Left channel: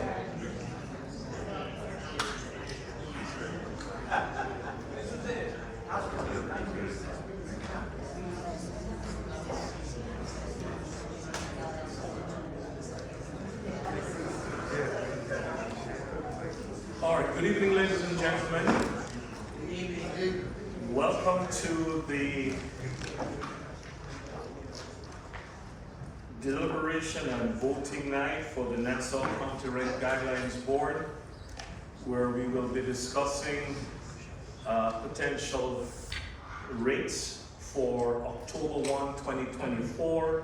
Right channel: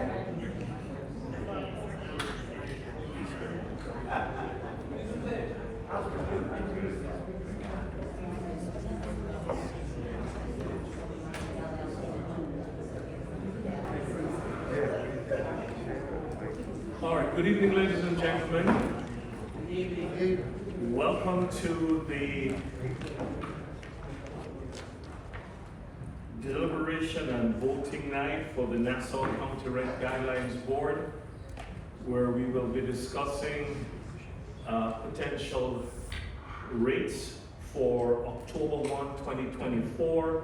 All right, good evening, ladies and gentlemen. Welcome to the deliberation and voting night for the Nassau County Rent Guidelines Board, where we will be discussing potential rates for October 1, 2024,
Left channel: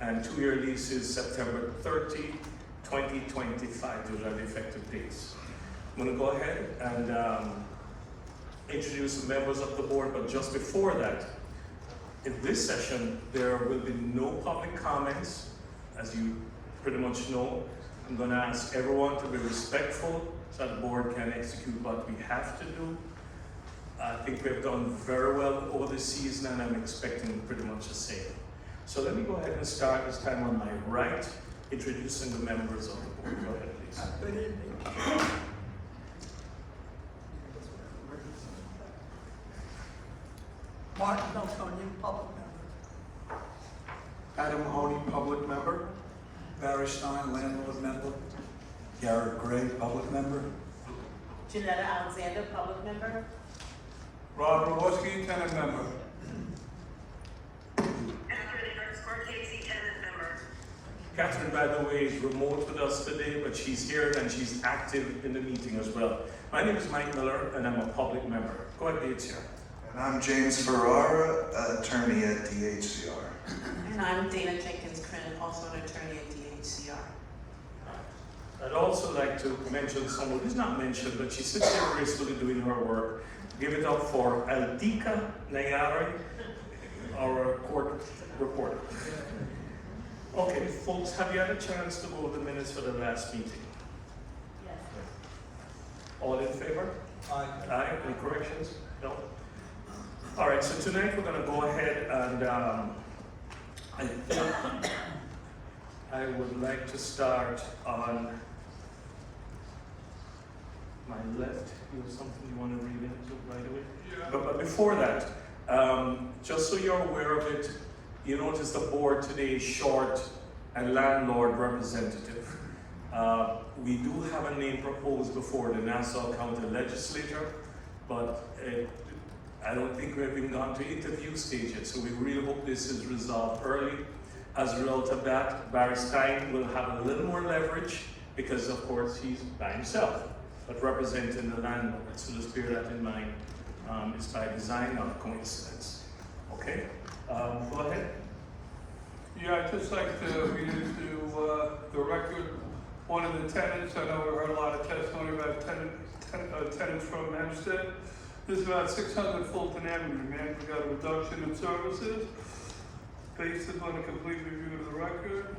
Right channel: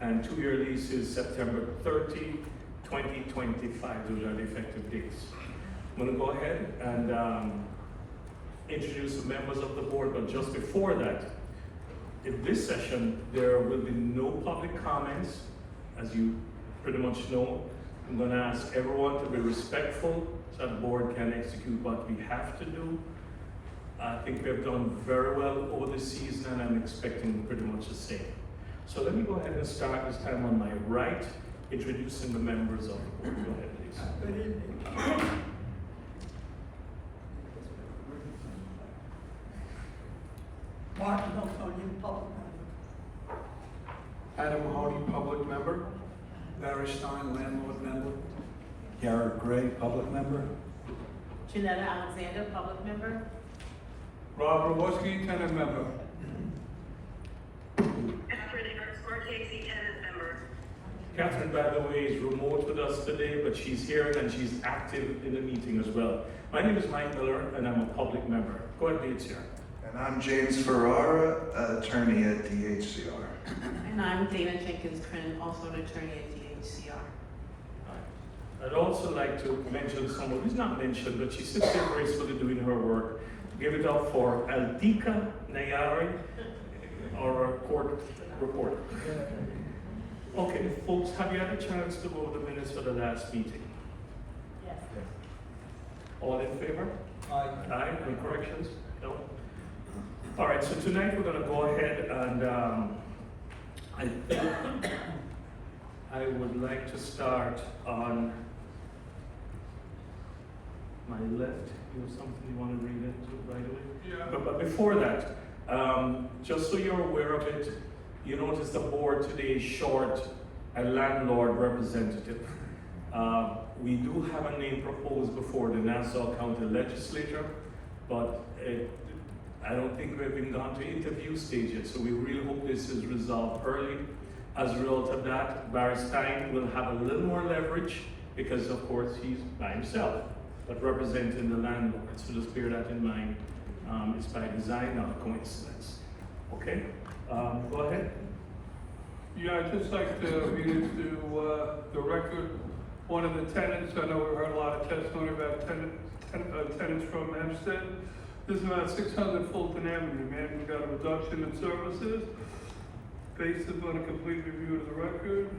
and two-year leases September 30, 2025. Those are the effective dates. I'm going to go ahead and introduce the members of the board, but just before that, in this session, there will be no public comments, as you pretty much know. I'm going to ask everyone to be respectful so the board can execute what we have to do. I think we have done very well over the season, and I'm expecting pretty much the same. So let me go ahead and start this time on my right, introducing the members of the board. Go ahead, please. Good evening. Martin O'Tony, public member. Adam Mahoney, public member. Barry Stein, landlord member. Garrett Gray, public member. Janetta Alexander, public member. Rob Rawoski, tenant member. Catherine, by the way, is remote with us today, but she's here and she's active in the meeting as well. My name is Mike Miller, and I'm a public member. Go ahead, the HCR. And I'm James Ferrara, attorney at the HCR. And I'm Dana Jenkins Crinan, also an attorney at the HCR. I'd also like to mention someone who's not mentioned, but she sits here gracefully doing her work. Give it up for Aldika Nayari, our court reporter. Okay, folks, have you had a chance to go over the minutes for the last meeting? Yes. All in favor? Aye. Aye, any corrections? No? All right, so tonight we're gonna go ahead and I think I would like to start on my left. You have something you want to read into right away? Yeah. But before that, just so you're aware of it, you notice the board today is short a landlord representative. We do have a name proposed before the Nassau County Legislature, but I don't think we've even gone to interview stage yet, so we really hope this is resolved early. As a result of that, Barry Stein will have a little more leverage because, of course, he's by himself, but representing the landlord. So just bear that in mind. It's by design, not a coincidence. Okay, go ahead. Yeah, I'd just like to read into the record one of the tenants. I know we heard a lot of testimony about tenants from Hempstead. This is about 600 Fulton Avenue, man. We got a reduction in services. Based upon a complete review of the record,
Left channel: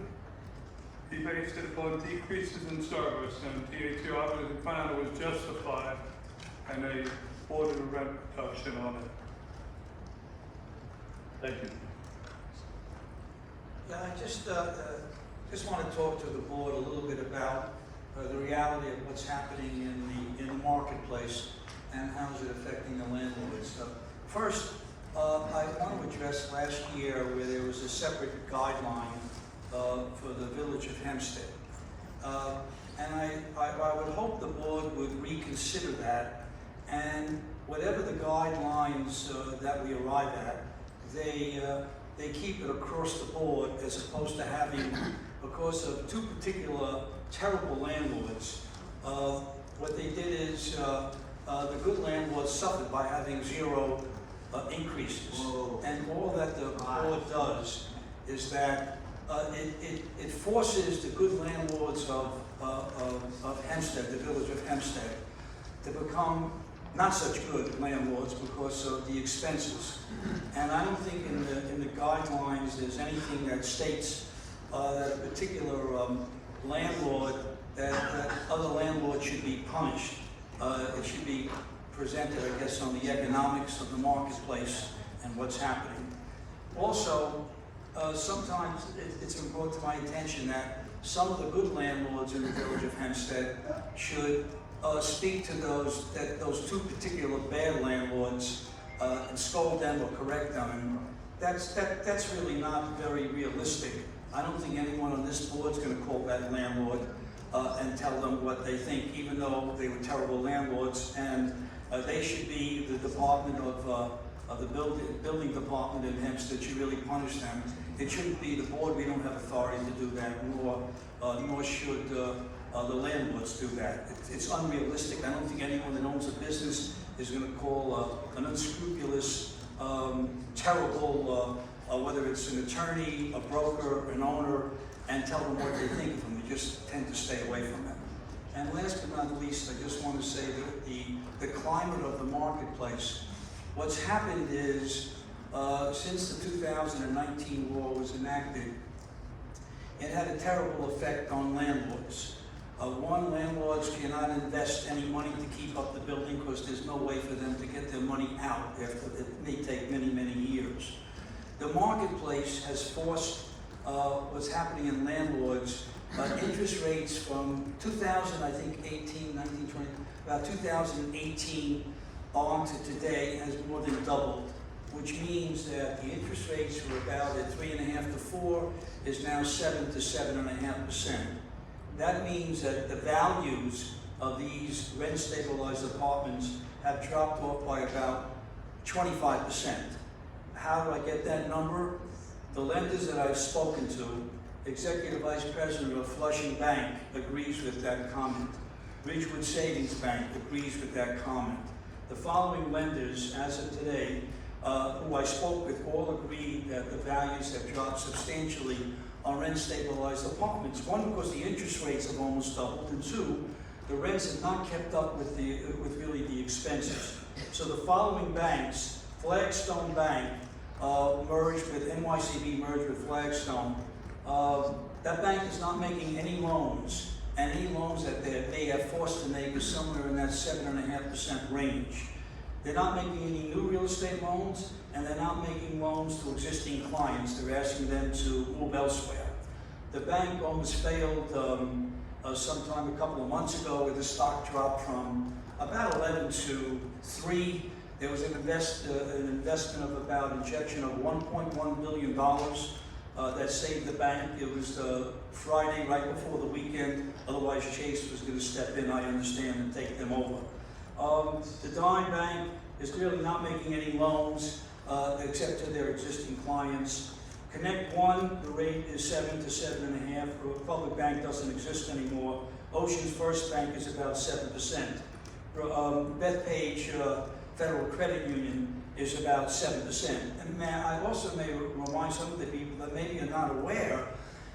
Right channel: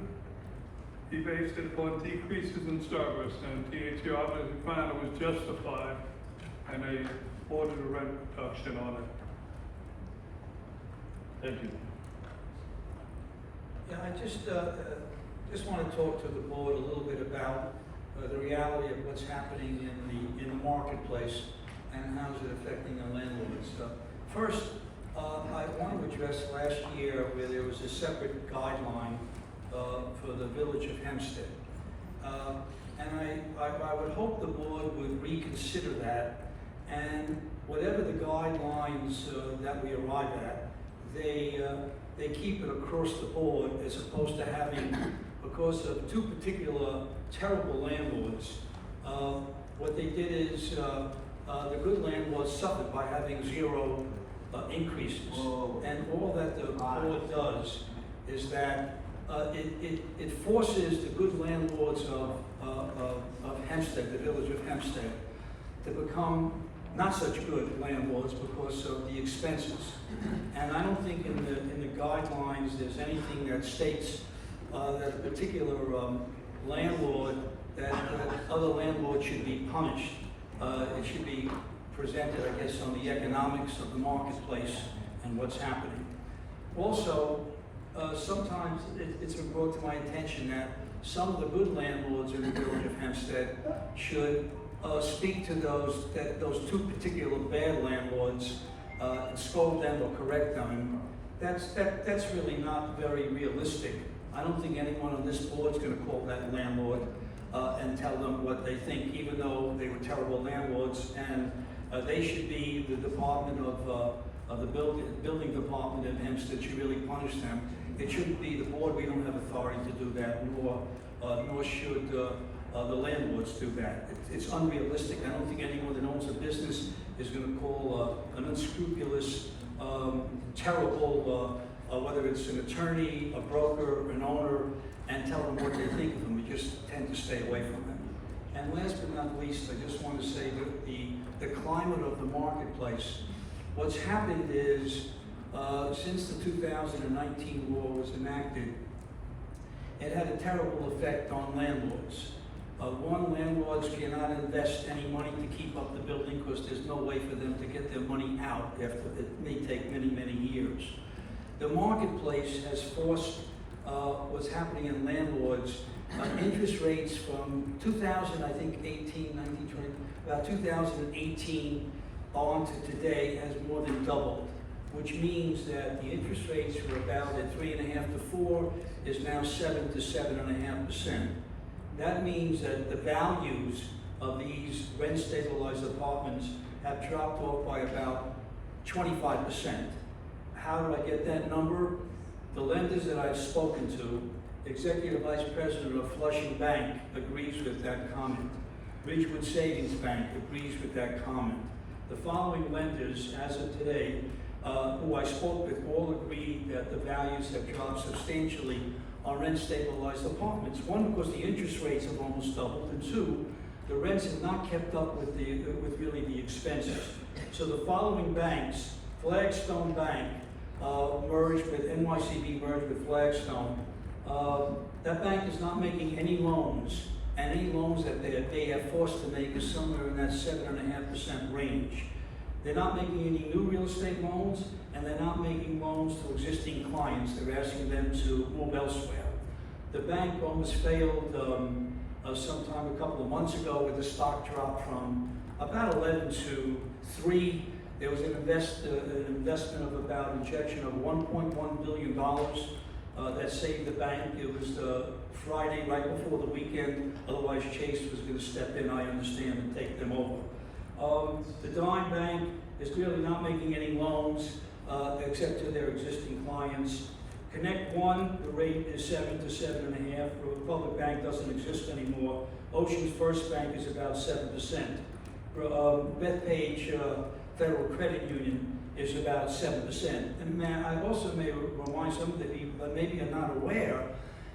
he based it upon decreases in service, and THC obviously found it was justified, and they ordered a rent reduction on it. Thank you. Yeah, I just want to talk to the board a little bit about the reality of what's happening in the marketplace and how is it affecting the landlords. First, I want to address last year where there was a separate guideline for the village of Hempstead. And I would hope the board would reconsider that, and whatever the guidelines that we arrive at, they keep it across the board as opposed to having, because of two particular terrible landlords, what they did is the good landlords suffered by having zero increases. Whoa. And all that the board does is that it forces the good landlords of Hempstead, the village of Hempstead, to become not such good landlords because of the expenses. And I don't think in the guidelines there's anything that states that a particular landlord, that other landlords should be punished. It should be presented, I guess, on the economics of the marketplace and what's happening. Also, sometimes it's been brought to my attention that some of the good landlords in the village of Hempstead should speak to those two particular bad landlords and scold them or correct them. That's really not very realistic. I don't think anyone on this board is going to call that landlord and tell them what they think, even though they were terrible landlords, and they should be the department of the building department in Hempstead should really punish them. It shouldn't be the board. We don't have authority to do that, nor should the landlords do that. It's unrealistic. I don't think anyone that owns a business is going to call an unscrupulous, terrible, whether it's an attorney, a broker, an owner, and tell them what they think of them. We just tend to stay away from them. And last but not least, I just want to say that the climate of the marketplace, what's happened is, since the 2019 law was enacted, it had a terrible effect on landlords. One, landlords cannot invest any money to keep up the building because there's no way for them to get their money out after it may take many, many years. The marketplace has forced what's happening in landlords. Interest rates from 2018, 19, 20, about 2018 on to today has more than doubled, which means that the interest rates were about at 3.5 to 4 is now 7 to 7.5%. That means that the values of these rent-stabilized apartments have dropped off by about 25%. How do I get that number? The lenders that I've spoken to, Executive Vice President of Flushing Bank agrees with that comment. Ridgewood Savings Bank agrees with that comment. The following lenders, as of today, who I spoke with, all agree that the values have dropped substantially on rent-stabilized apartments. One, because the interest rates have almost doubled, and two, the rents have not kept up with really the expenses. So the following banks, Flagstone Bank merged with NYCB, merged with Flagstone. That bank is not making any loans, and any loans that they are forced to make is somewhere in that 7.5% range. They're not making any new real estate loans, and they're not making loans to existing clients. They're asking them to move elsewhere. The bank almost failed sometime a couple of months ago with the stock drop from about 11 to 3. There was an investment of about injection of $1.1 billion that saved the bank. It was Friday right before the weekend. Otherwise, Chase was going to step in, I understand, and take them over. The Dime Bank is really not making any loans except to their existing clients. Connect One, the rate is 7 to 7.5. Republic Bank doesn't exist anymore. Ocean's First Bank is about 7%. Bethpage Federal Credit Union is about 7%. And I also may remind some of the people that maybe are not aware,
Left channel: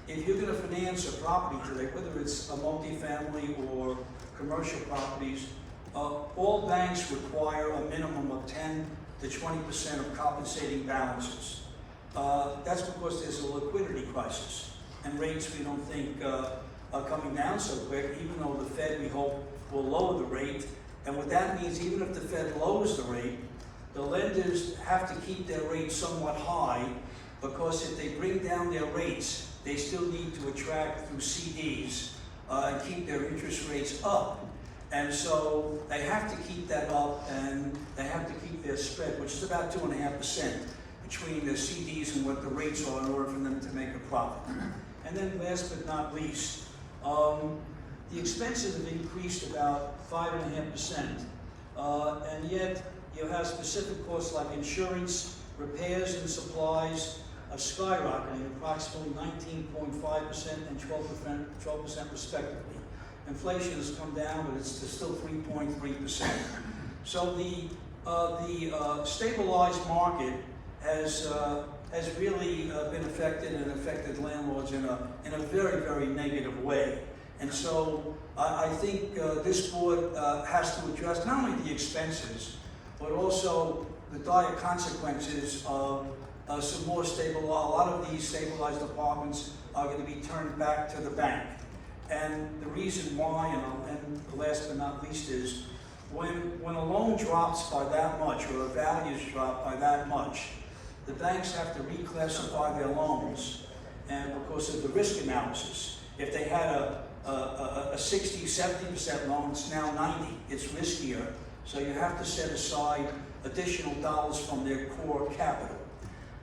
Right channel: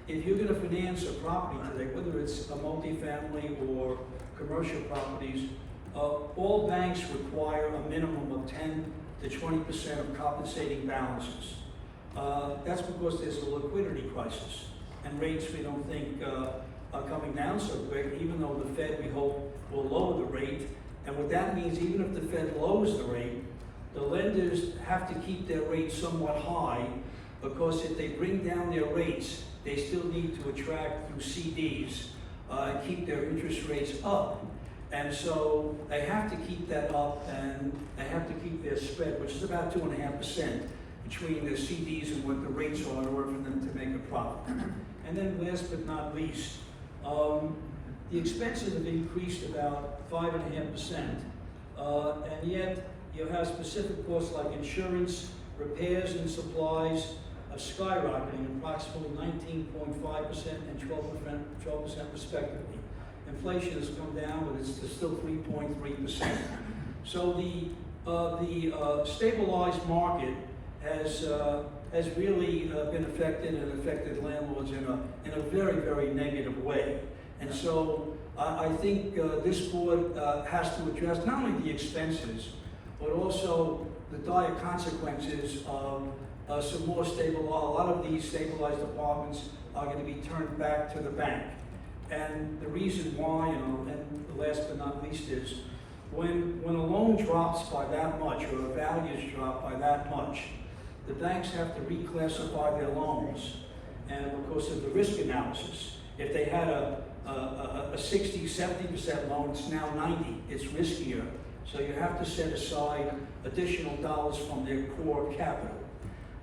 if you're going to finance a property today, whether it's a multifamily or commercial properties, all banks require a minimum of 10 to 20% of compensating balances. That's because there's a liquidity crisis, and rates we don't think are coming down so quick, even though the Fed, we hope, will lower the rate. And what that means, even if the Fed lowers the rate, the lenders have to keep their rates somewhat high, because if they bring down their rates, they still need to attract through CDs and keep their interest rates up. And so they have to keep that up, and they have to keep their spread, which is about 2.5% between their CDs and what the rates are in order for them to make a profit. And then last but not least, the expenses have increased about 5.5%, and yet you have specific costs like insurance, repairs and supplies are skyrocketing, approximately 19.5% and 12% respectively. Inflation has come down, but it's still 3.3%. So the stabilized market has really been affected, and affected landlords in a very, very negative way. And so I think this board has to address not only the expenses, but also the dire consequences of some more stable. A lot of these stabilized apartments are going to be turned back to the bank. And the reason why, and the last but not least, is when a loan drops by that much, or a values drop by that much, the banks have to reclassify their loans. And because of the risk analysis, If they had a 60, 70% loan, it's now 90. It's riskier. So you have to set aside additional dollars from their core capital.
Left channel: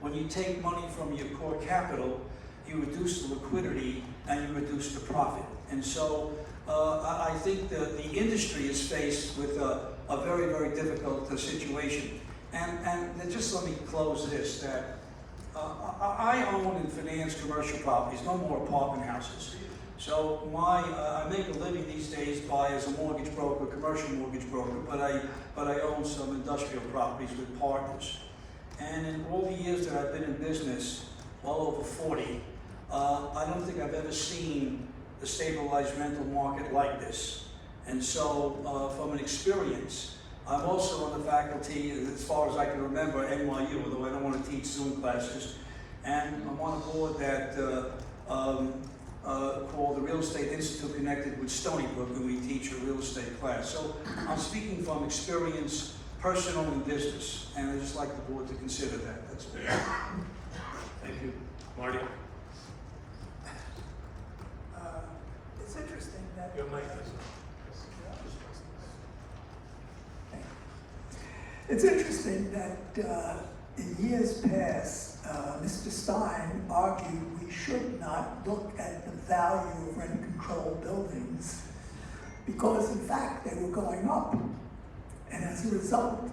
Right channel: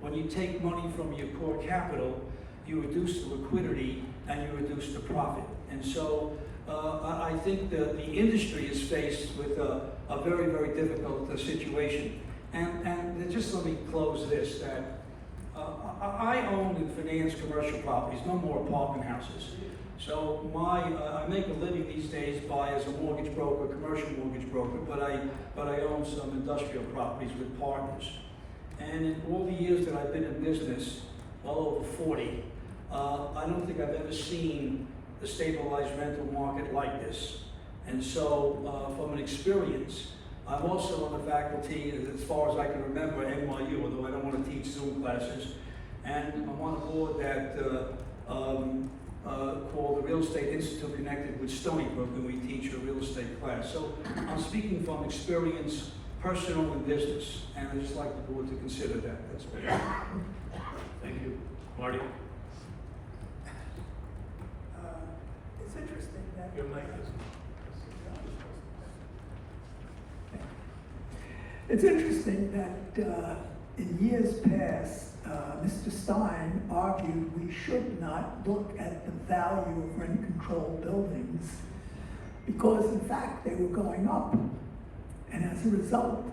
When you take money from your core capital, you reduce the liquidity and you reduce the profit. And so I think the industry is faced with a very, very difficult situation. And just let me close this, that I own and finance commercial properties, no more apartment houses. So I make a living these days as a mortgage broker, commercial mortgage broker, but I own some industrial properties with partners. And in all the years that I've been in business, well over 40, I don't think I've ever seen the stabilized rental market like this. And so from an experience, I'm also on the faculty, as far as I can remember, at NYU, although I don't want to teach Zoom classes. And I'm on a board that called the Real Estate Institute connected with Stony Brook, and we teach a real estate class. So I'm speaking from experience, personal and business, and I'd just like the board to consider that. That's all. Thank you. Marty? It's interesting that. Your mic is It's interesting that in years past, Mr. Stein argued we should not look at the value of rent-controlled buildings because, in fact, they were going up. And as a result,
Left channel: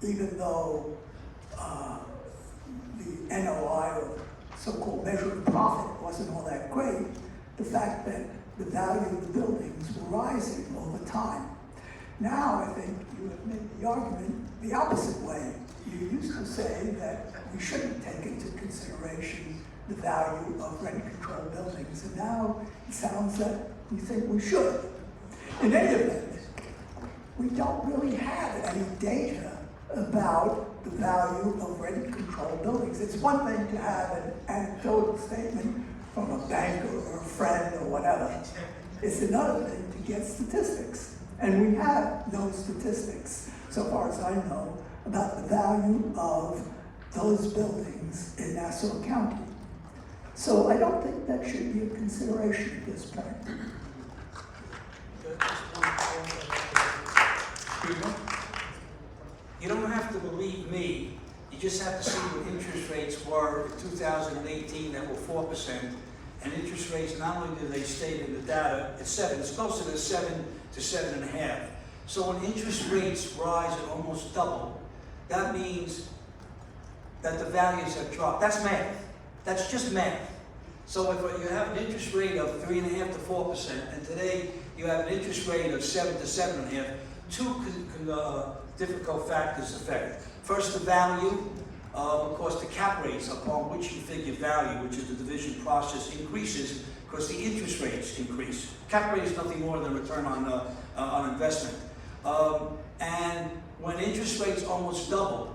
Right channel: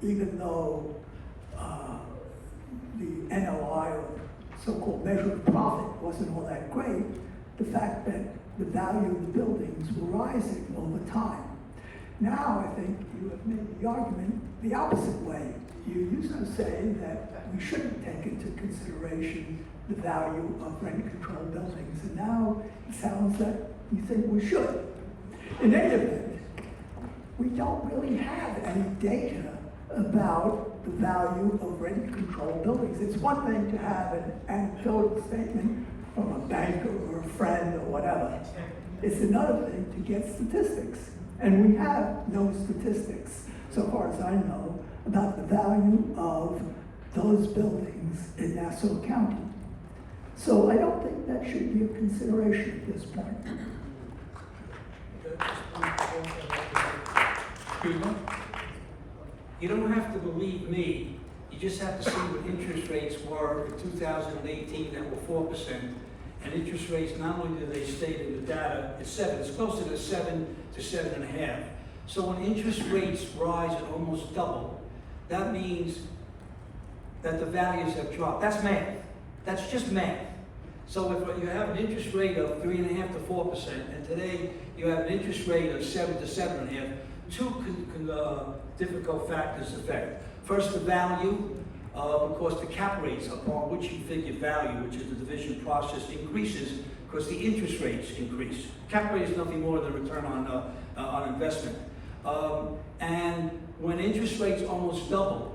even though the NOI, or so-called measure of profit, wasn't all that great, the fact that the value of the buildings were rising over time. Now, I think you have made the argument the opposite way. You used to say that we shouldn't take into consideration the value of rent-controlled buildings, and now it sounds that you think we should. In any event, we don't really have any data about the value of rent-controlled buildings. It's one thing to have an anecdotal statement from a banker or a friend or whatever. It's another thing to get statistics. And we have no statistics, so far as I know, about the value of those buildings in Nassau County. So I don't think that should be a consideration at this point. You don't have to believe me. You just have to see what interest rates were in 2018 that were 4%. And interest rates, not only do they state in the data, it's 7, it's closer to 7 to 7.5. So when interest rates rise and almost double, that means that the values have dropped. That's math. That's just math. So if you have an interest rate of 3.5 to 4%, and today you have an interest rate of 7 to 7.5, two difficult factors affect. First, the value. Of course, the cap rates upon which you figure value, which is the division process, increases because the interest rates increase. Cap rate is nothing more than return on investment. And when interest rates almost double,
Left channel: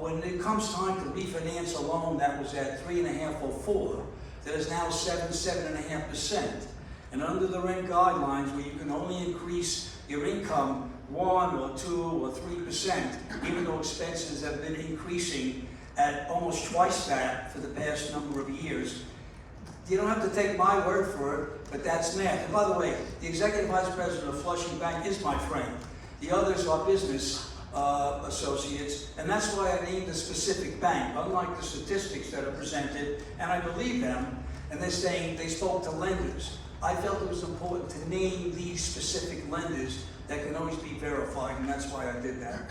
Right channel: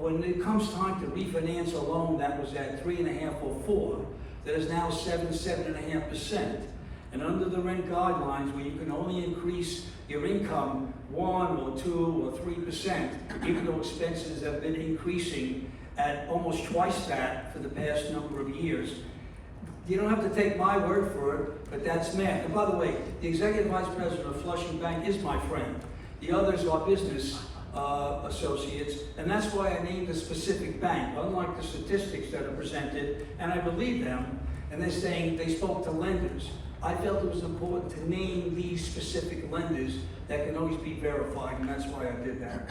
when it comes time to refinance a loan that was at 3.5 or 4, that is now 7.5%. And under the rent guidelines, where you can only increase your income 1 or 2 or 3%, even though expenses have been increasing at almost twice that for the past number of years. You don't have to take my word for it, but that's math. And by the way, the executive vice president of Flushing Bank is my friend. The others are business associates, and that's why I named a specific bank, unlike the statistics that are presented, and I believe them, and they're saying they spoke to lenders. I felt it was important to name these specific lenders that can always be verified, and that's why I did that.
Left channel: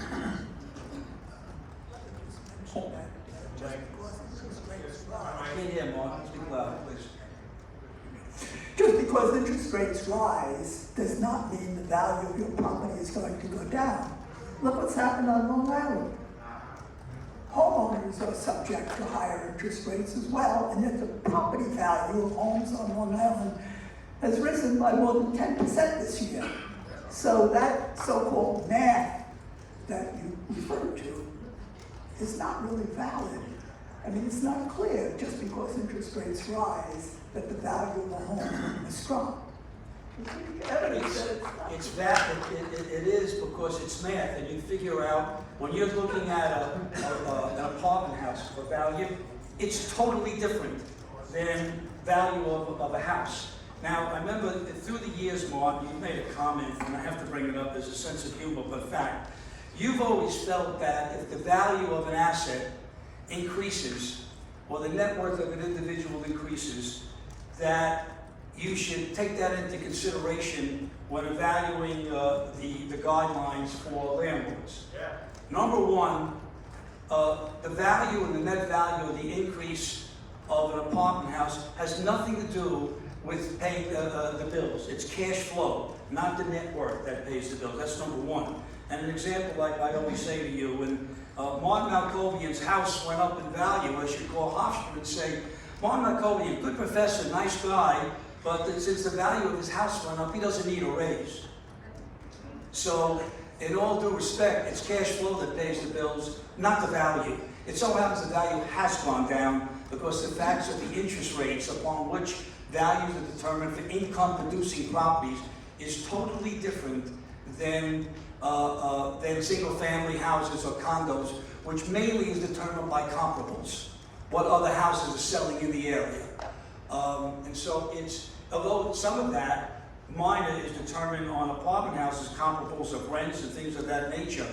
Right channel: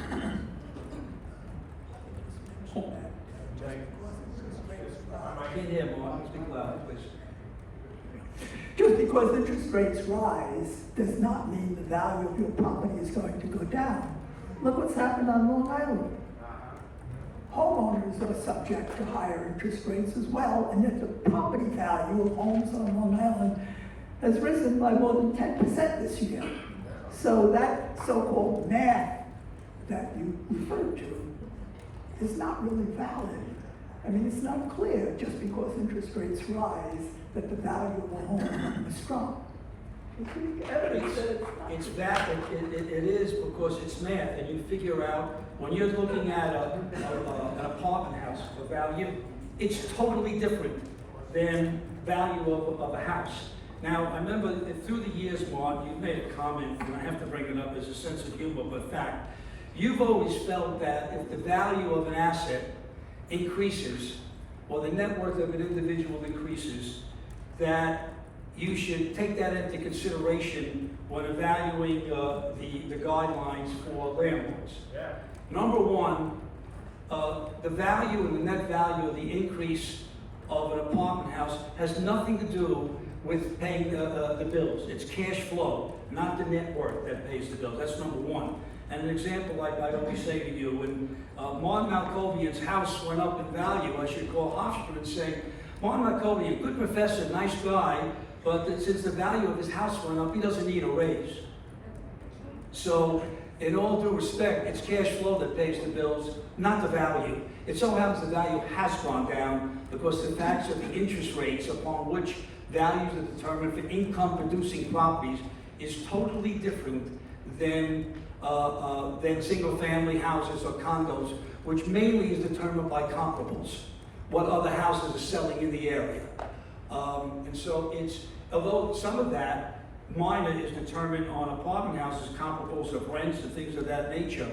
I can't hear, Mark. Speak loud, please. Just because interest rates rise does not mean the value of your property is going to go down. Look what's happened on Long Island. Homeowners are subject to higher interest rates as well, and yet the property value of homes on Long Island has risen by more than 10% this year. So that so-called math that you referred to is not really valid. I mean, it's not clear just because interest rates rise that the value of a home is strong. It's that, it is because it's math, and you figure out, when you're looking at an apartment house for value, it's totally different than value of a house. Now, I remember that through the years, Mark, you made a comment, and I have to bring it up as a sense of humor, but fact. You've always felt that if the value of an asset increases, or the net worth of an individual increases, that you should take that into consideration when evaluating the guidelines for landlords. Yeah. Number one, the value and the net value of the increase of an apartment house has nothing to do with paying the bills. It's cash flow, not the net worth that pays the bills. That's number one. And an example, like I always say to you, when Martin Malkovian's house went up in value, I should call Hofstra and say, Martin Malkovian, good professor, nice guy, but since the value of his house went up, he doesn't need a raise. So, in all due respect, it's cash flow that pays the bills, not the value. It so happens the value has gone down because the facts of the interest rates upon which values are determined for income-producing properties is totally different than single-family houses or condos, which mainly is determined by comparables, what other houses are selling in the area. And so it's, although some of that minor is determined on apartment houses, comparables of rents and things of that nature,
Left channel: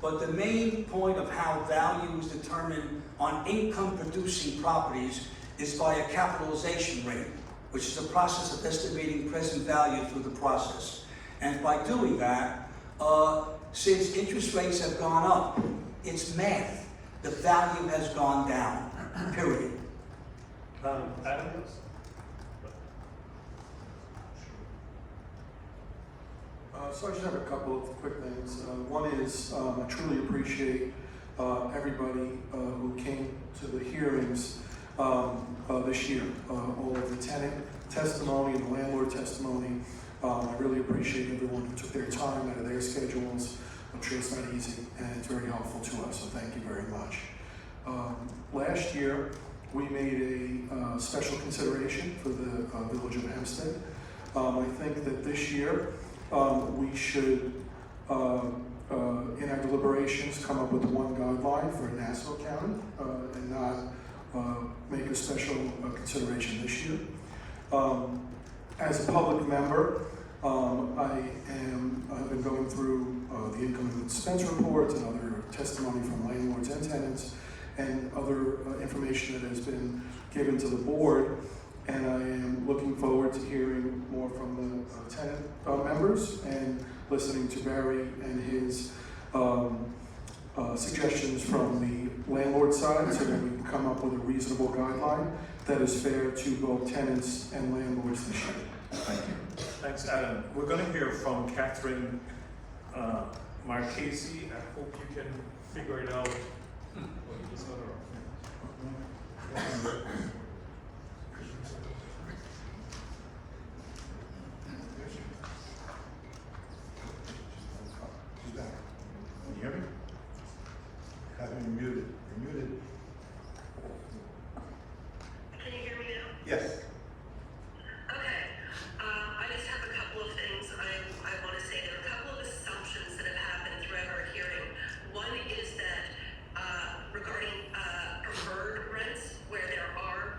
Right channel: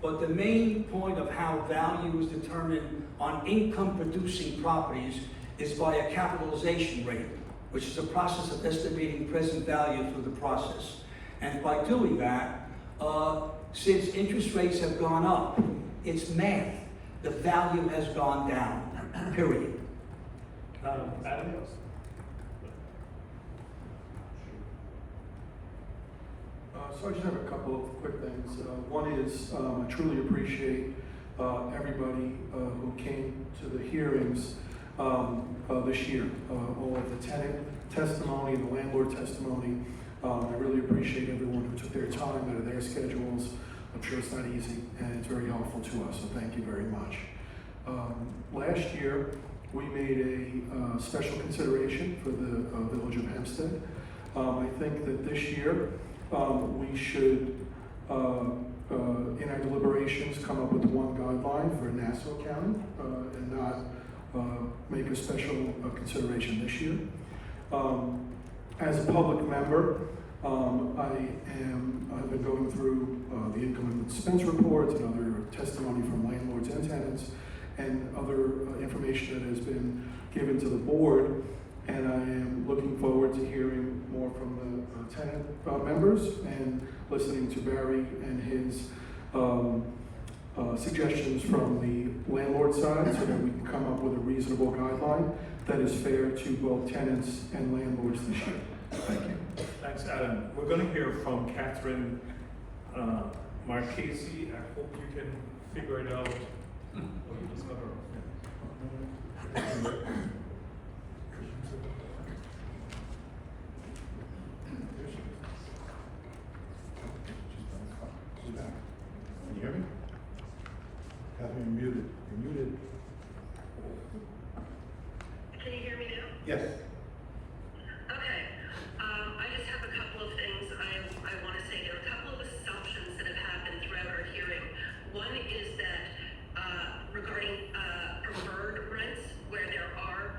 but the main point of how value is determined on income-producing properties is by a capitalization rate, which is a process of estimating present value through the process. And by doing that, since interest rates have gone up, it's math. The value has gone down, period. Adam? So I just have a couple of quick things. One is I truly appreciate everybody who came to the hearings this year. All of the tenant testimony, the landlord testimony. I really appreciate everyone who took their time out of their schedules. I'm sure it's not easy, and it's very helpful to us, so thank you very much. Last year, we made a special consideration for the village of Hempstead. I think that this year, we should, in our deliberations, come up with one guideline for Nassau County and not make a special consideration this year. As a public member, I have been going through the income and expense reports and other testimony from landlords and tenants and other information that has been given to the board. And I am looking forward to hearing more from the tenant members and listening to Barry and his suggestions from the landlord side so that we can come up with a reasonable guideline that is fair to both tenants and landlords this year. Thank you. Thanks, Adam. We're going to hear from Catherine Marchese. I hope you can figure it out. What is this other? Can you hear me? Catherine, you're muted. You're muted. Can you hear me now? Yes. Okay. I just have a couple of things I want to say. There are a couple of assumptions that have happened throughout our hearing. One is that regarding preferred rents, where there are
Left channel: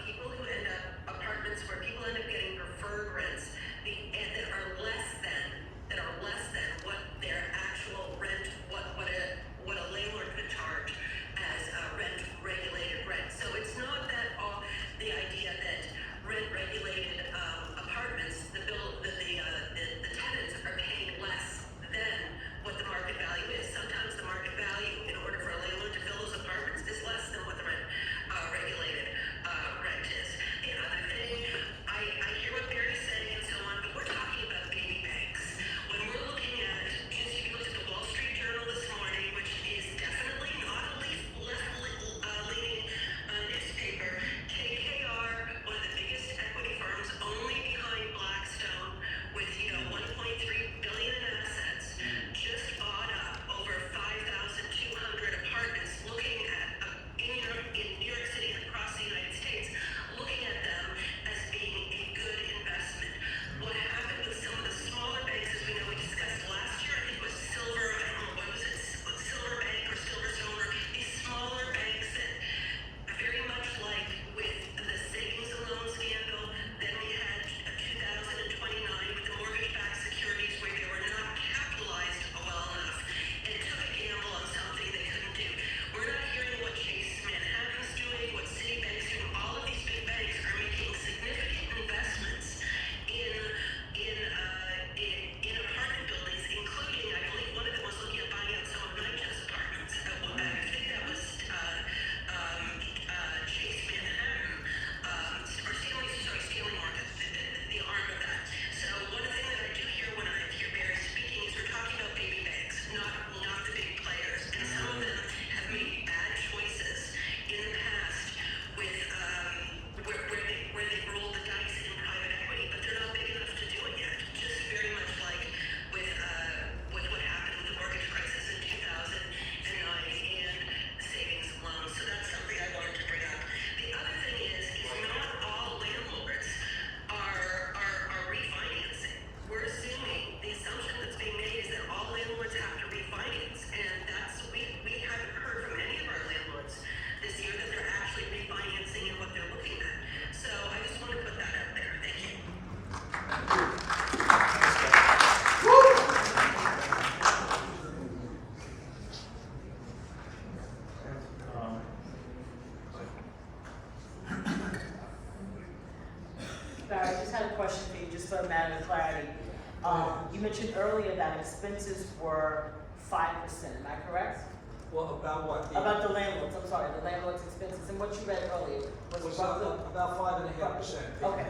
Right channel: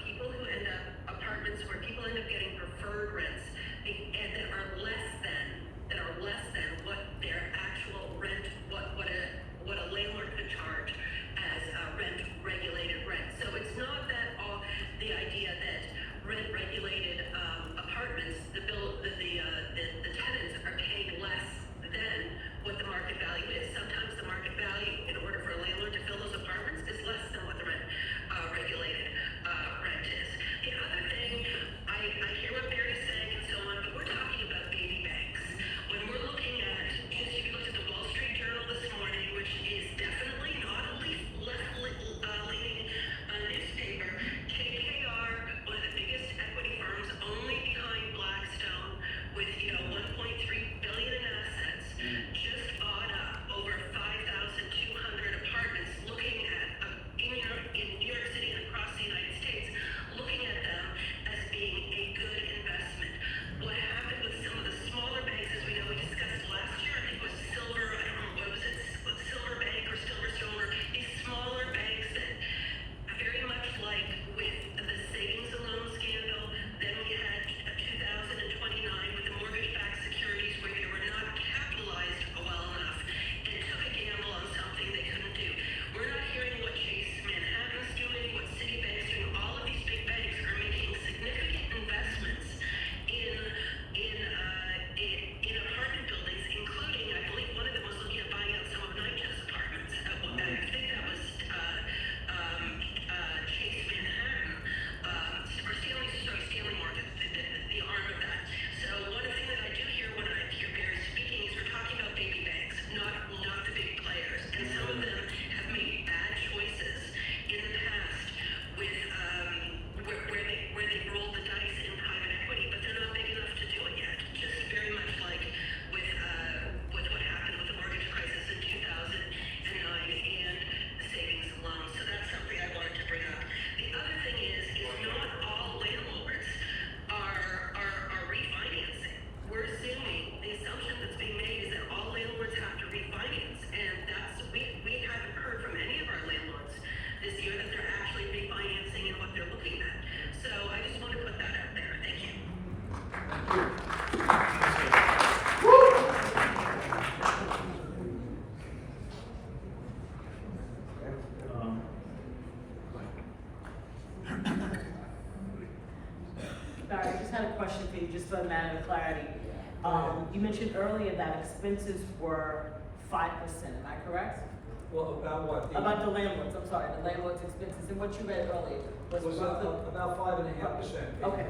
You mentioned earlier that expenses were 5%, am I correct? Well, about what? About the landlords, I'm sorry, the landlord's expenses, and what you read earlier Was was about 5.5%. Okay,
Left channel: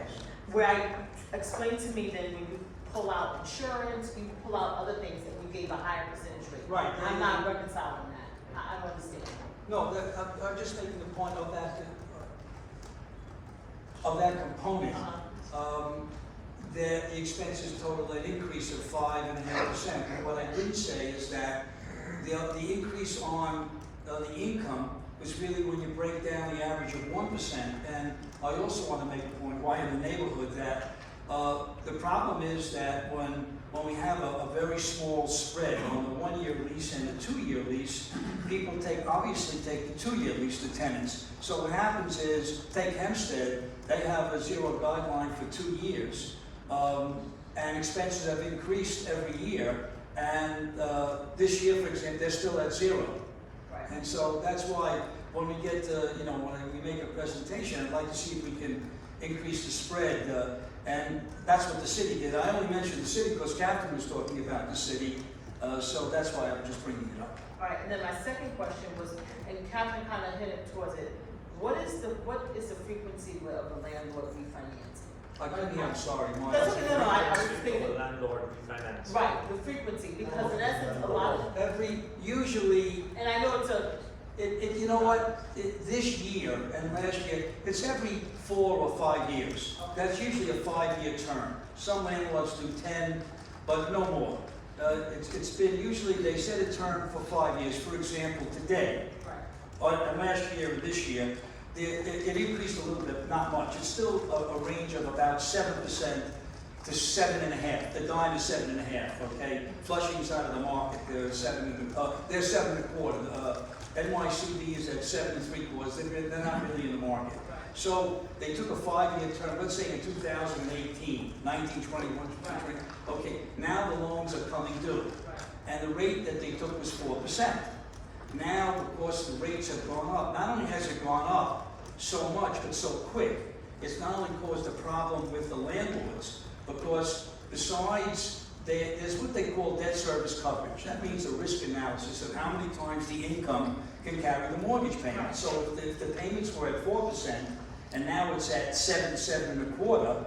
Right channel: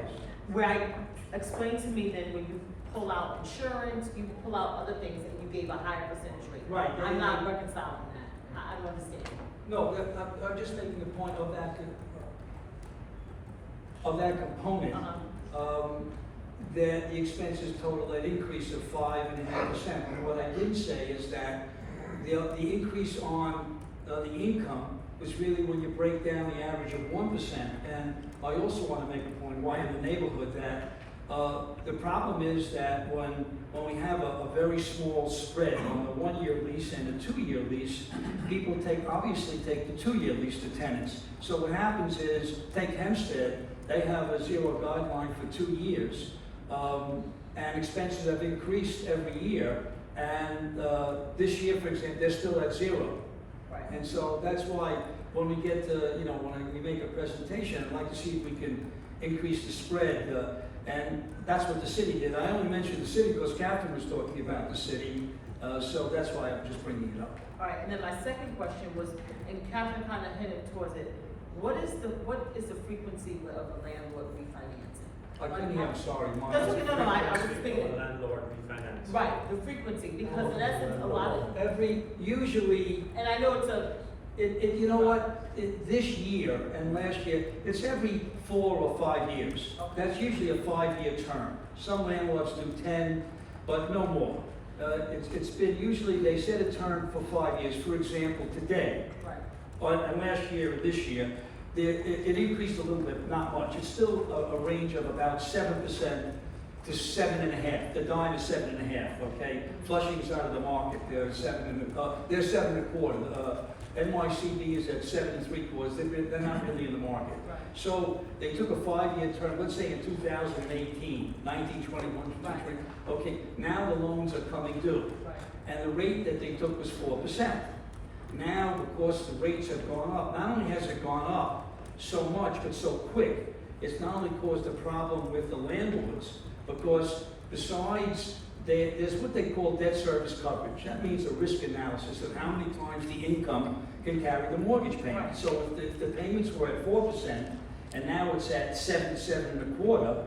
right, explain to me then, when you pull out insurance, you pull out other things, and you gave a higher percentage rate. Right. I'm not reconciling that, I don't understand. No, I'm just making the point of that component. That the expenses total an increase of 5.5%. And what I didn't say is that the increase on the income was really when you break down the average of 1%. And I also want to make a point, why in the neighborhood, that the problem is that when we have a very small spread on a 1-year lease and a 2-year lease, people obviously take the 2-year lease, the tenants. So what happens is, take Hempstead, they have a zero guideline for 2 years. And expenses have increased every year. And this year, for example, they're still at 0. Right. And so that's why when we get to, when we make a presentation, I'd like to see if we can increase the spread. And that's what the city did. I only mentioned the city because Catherine was talking about the city. So that's why I'm just bringing it up. All right, and then my second question was, and Catherine kind of hinted towards it, what is the frequency of a landlord refinancing? I couldn't hear, I'm sorry. That's okay, no, I was thinking. Landlord refinance. Right, the frequency, because in essence, a lot of, Usually, and I know it's a, you know what, this year and last year, it's every 4 or 5 years. Okay. That's usually a 5-year term. Some landlords do 10, but no more. It's been usually, they set a term for 5 years. For example, today, right, and last year or this year, it increased a little bit, not much. It's still a range of about 7% to 7.5%. The dime is 7.5%. Okay, Flushing's out of the market. They're 7.25%. NYCB is at 7.75%. They're not really in the market. right, So they took a 5-year term. Let's say in 2018, 19, 21, 22, okay. Now the loans are coming due, right. and the rate that they took was 4%. Now, because the rates have gone up, not only has it gone up so much, but so quick, it's not only caused a problem with the landlords, because besides, there's what they call debt service coverage. That means a risk analysis of how many times the income can carry the mortgage payment. Right. So if the payments were at 4%, and now it's at 7.25%,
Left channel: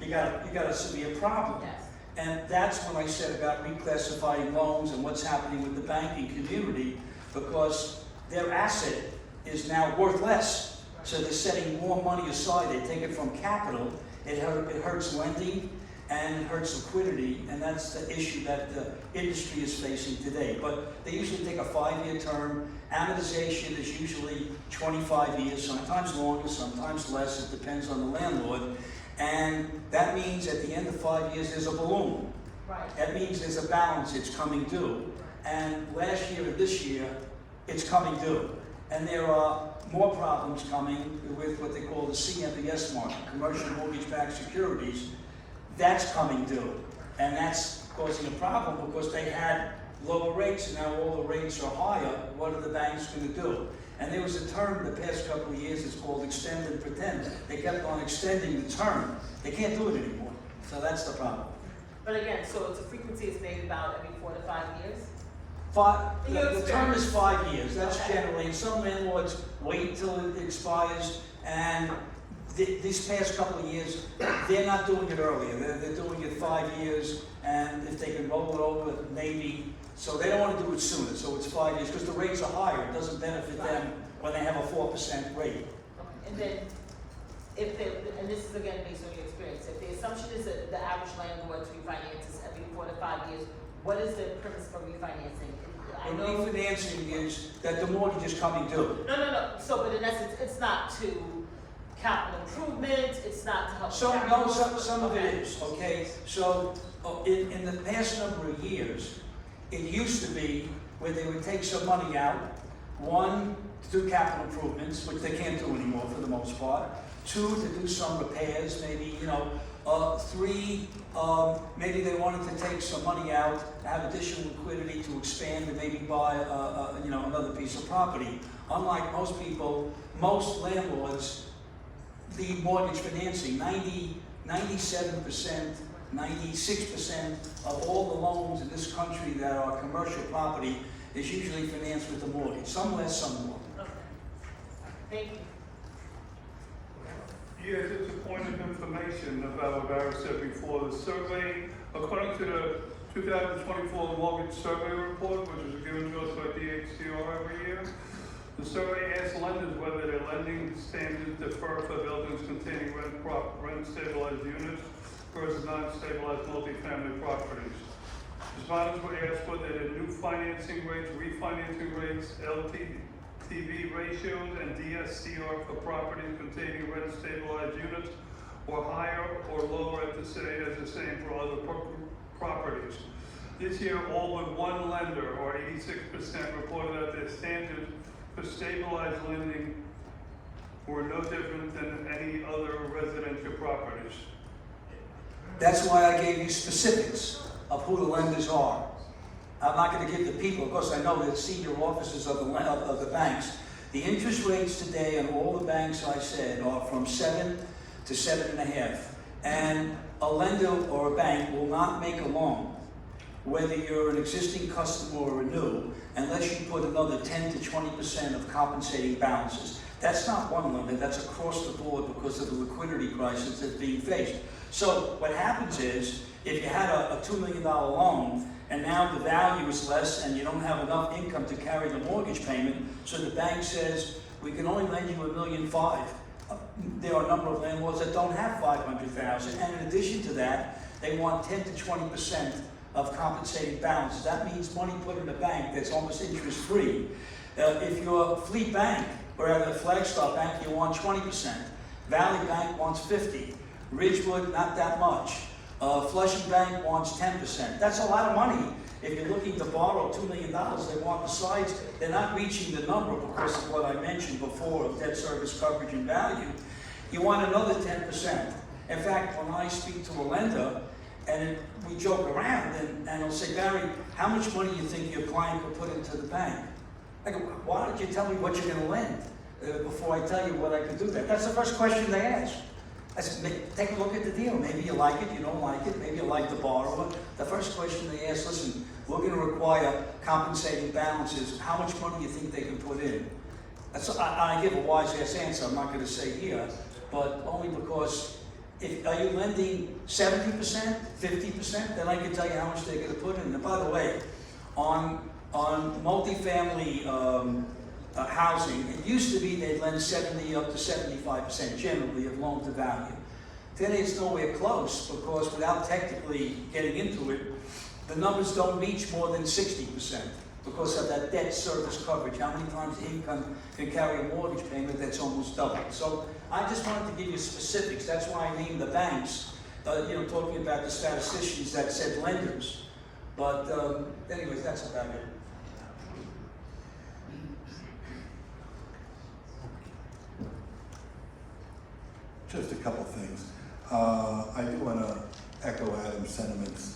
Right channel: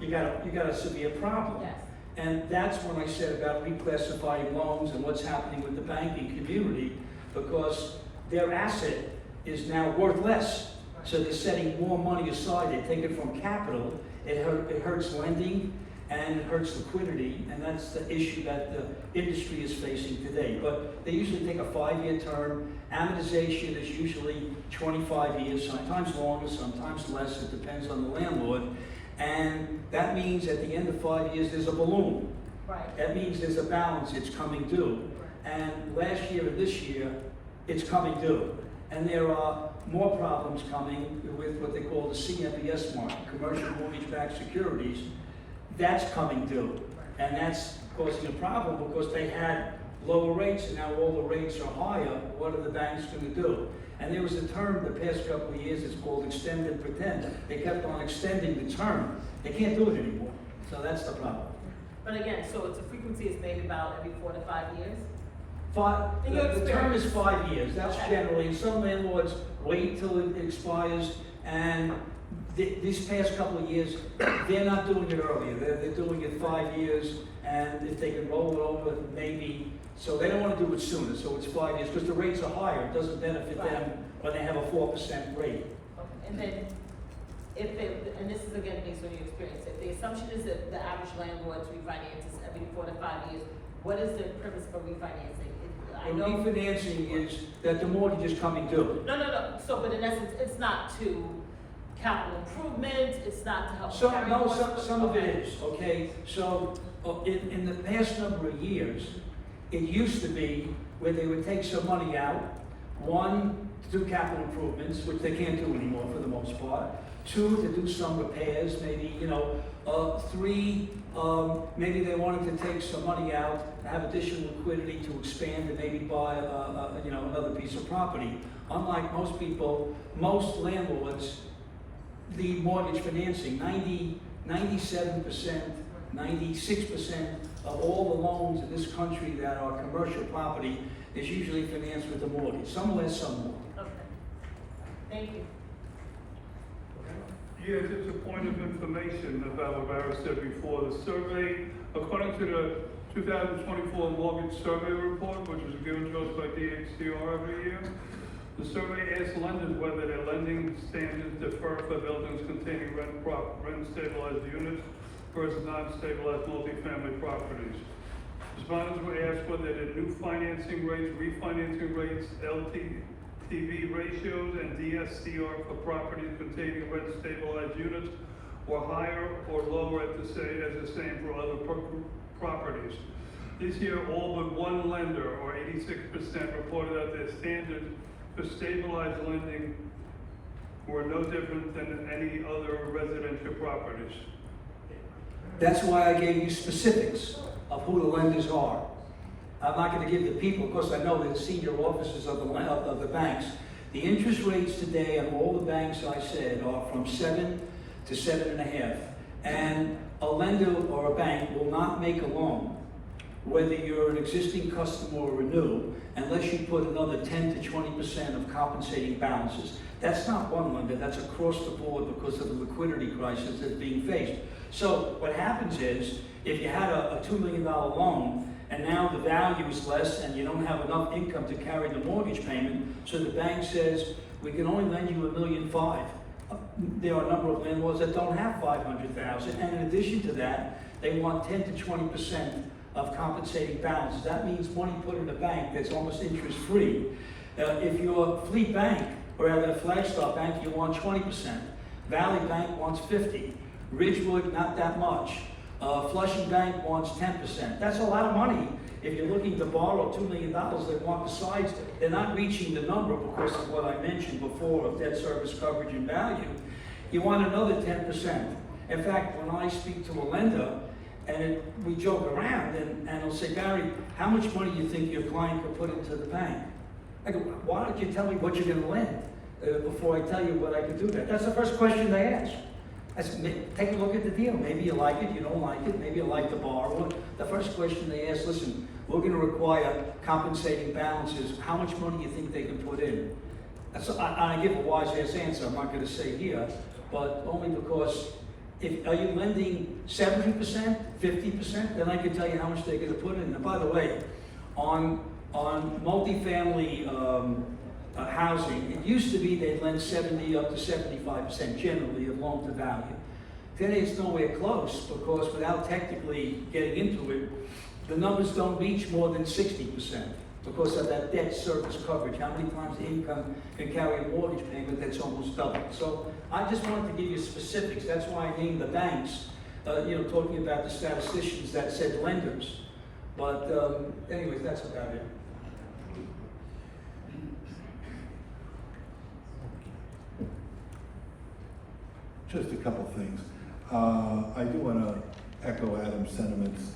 you got a severe problem. Yes. And that's when I said about reclassifying loans and what's happening with the banking community, because their asset is now worth less. Right. So they're setting more money aside. They take it from capital. It hurts lending and it hurts liquidity, and that's the issue that the industry is facing today. But they usually take a 5-year term. Amortization is usually 25 years, sometimes longer, sometimes less. It depends on the landlord. And that means at the end of 5 years, there's a balloon. Right. That means there's a balance, it's coming due. And last year and this year, it's coming due. And there are more problems coming with what they call the CMBS market, commercial mortgage-backed securities. That's coming due. And that's causing a problem because they had lower rates and now all the rates are higher. What are the banks going to do? And there was a term the past couple of years, it's called extend and pretend. They kept on extending the term. They can't do it anymore. So that's the problem. But again, so it's a frequency is maybe about every 4 to 5 years? The term is 5 years. That's Okay. generally, some landlords wait till it expires, and these past couple of years, they're not doing it earlier. They're doing it 5 years, and if they can roll it over, maybe. So they don't want to do it sooner, so it's 5 years, because the rates are higher. It doesn't benefit them when they have a 4% rate. Okay, and then, and this is again based on your experience, if the assumption is that the average landlord refinances every 4 to 5 years, what is the purpose for refinancing? I And know. refinancing is that the mortgage is coming due. No. So, but in essence, it's not to capital improvement, it's not to help. Some of it is, okay? So, in the past number of years, it used to be where they would take some money out, 1, to do capital improvements, which they can't do anymore for the most part, 2, to do some repairs, maybe, 3, maybe they wanted to take some money out, have additional liquidity to expand and maybe buy, another piece of property. Unlike most people, most landlords, the mortgage financing, 97%, 96% of all the loans in this country that are commercial property is usually financed with a mortgage, some less, some more. Okay. Thank you. Yeah, just a point of information about what I said before. The survey, according to the 2024 mortgage survey report, which is given to us by HCR every year, the survey asks lenders whether their lending standards differ for buildings containing rent-stabilized units versus non-stabilized multifamily properties. Respondents were asked whether their new financing rates, refinancing rates, LTV ratios, and DSCR for properties containing rent-stabilized units were higher or lower as the same for other properties. This year, all but one lender, or 86%, reported that their standards for stabilized lending were no different than any other residential properties. That's why I gave you specifics of who the lenders are. I'm not gonna give the people, because I know the senior officers of the banks. The interest rates today on all the banks I said are from 7 to 7.5. And a lender or a bank will not make a loan, whether you're an existing customer or a new, unless you put another 10 to 20% of compensating balances. That's not one lender, that's across the board because of the liquidity crisis that's being faced. So what happens is, if you had a $2 million loan, and now the value is less and you don't have enough income to carry the mortgage payment, so the bank says, we can only lend you $1.5 million. There are a number of landlords that don't have $500,000, and in addition to that, they want 10 to 20% of compensating balance. That means money put in the bank that's almost interest-free. If you're a Fleet Bank, or at a Flagstaff Bank, you want 20%. Valley Bank wants 50%. Ridgewood, not that much. Flushing Bank wants 10%. That's a lot of money. If you're looking to borrow $2 million, they want besides, they're not reaching the number because of what I mentioned before of debt service coverage and value. You want another 10%. In fact, when I speak to a lender, and we joke around, and I'll say, Barry, how much money do you think your client could put into the bank? I go, why don't you tell me what you're gonna lend before I tell you what I could do that? That's the first question they ask. I said, take a look at the deal. Maybe you like it, you don't like it, maybe you like the borrower. The first question they ask, listen, we're gonna require compensating balances. How much money do you think they can put in? I give a wise ass answer, I'm not gonna say here, but only because are you lending 70%, 50%? Then I can tell you how much they're gonna put in. And by the way, on multifamily housing, it used to be they'd lend 70 up to 75% generally of loan to value. Today it's nowhere close because without technically getting into it, the numbers don't reach more than 60% because of that debt service coverage. How many times the income can carry a mortgage payment that's almost double. So I just wanted to give you specifics. That's why I named the banks, talking about the statisticians that said lenders. But anyways, that's about it. Just a couple things. I do want to echo Adam's sentiments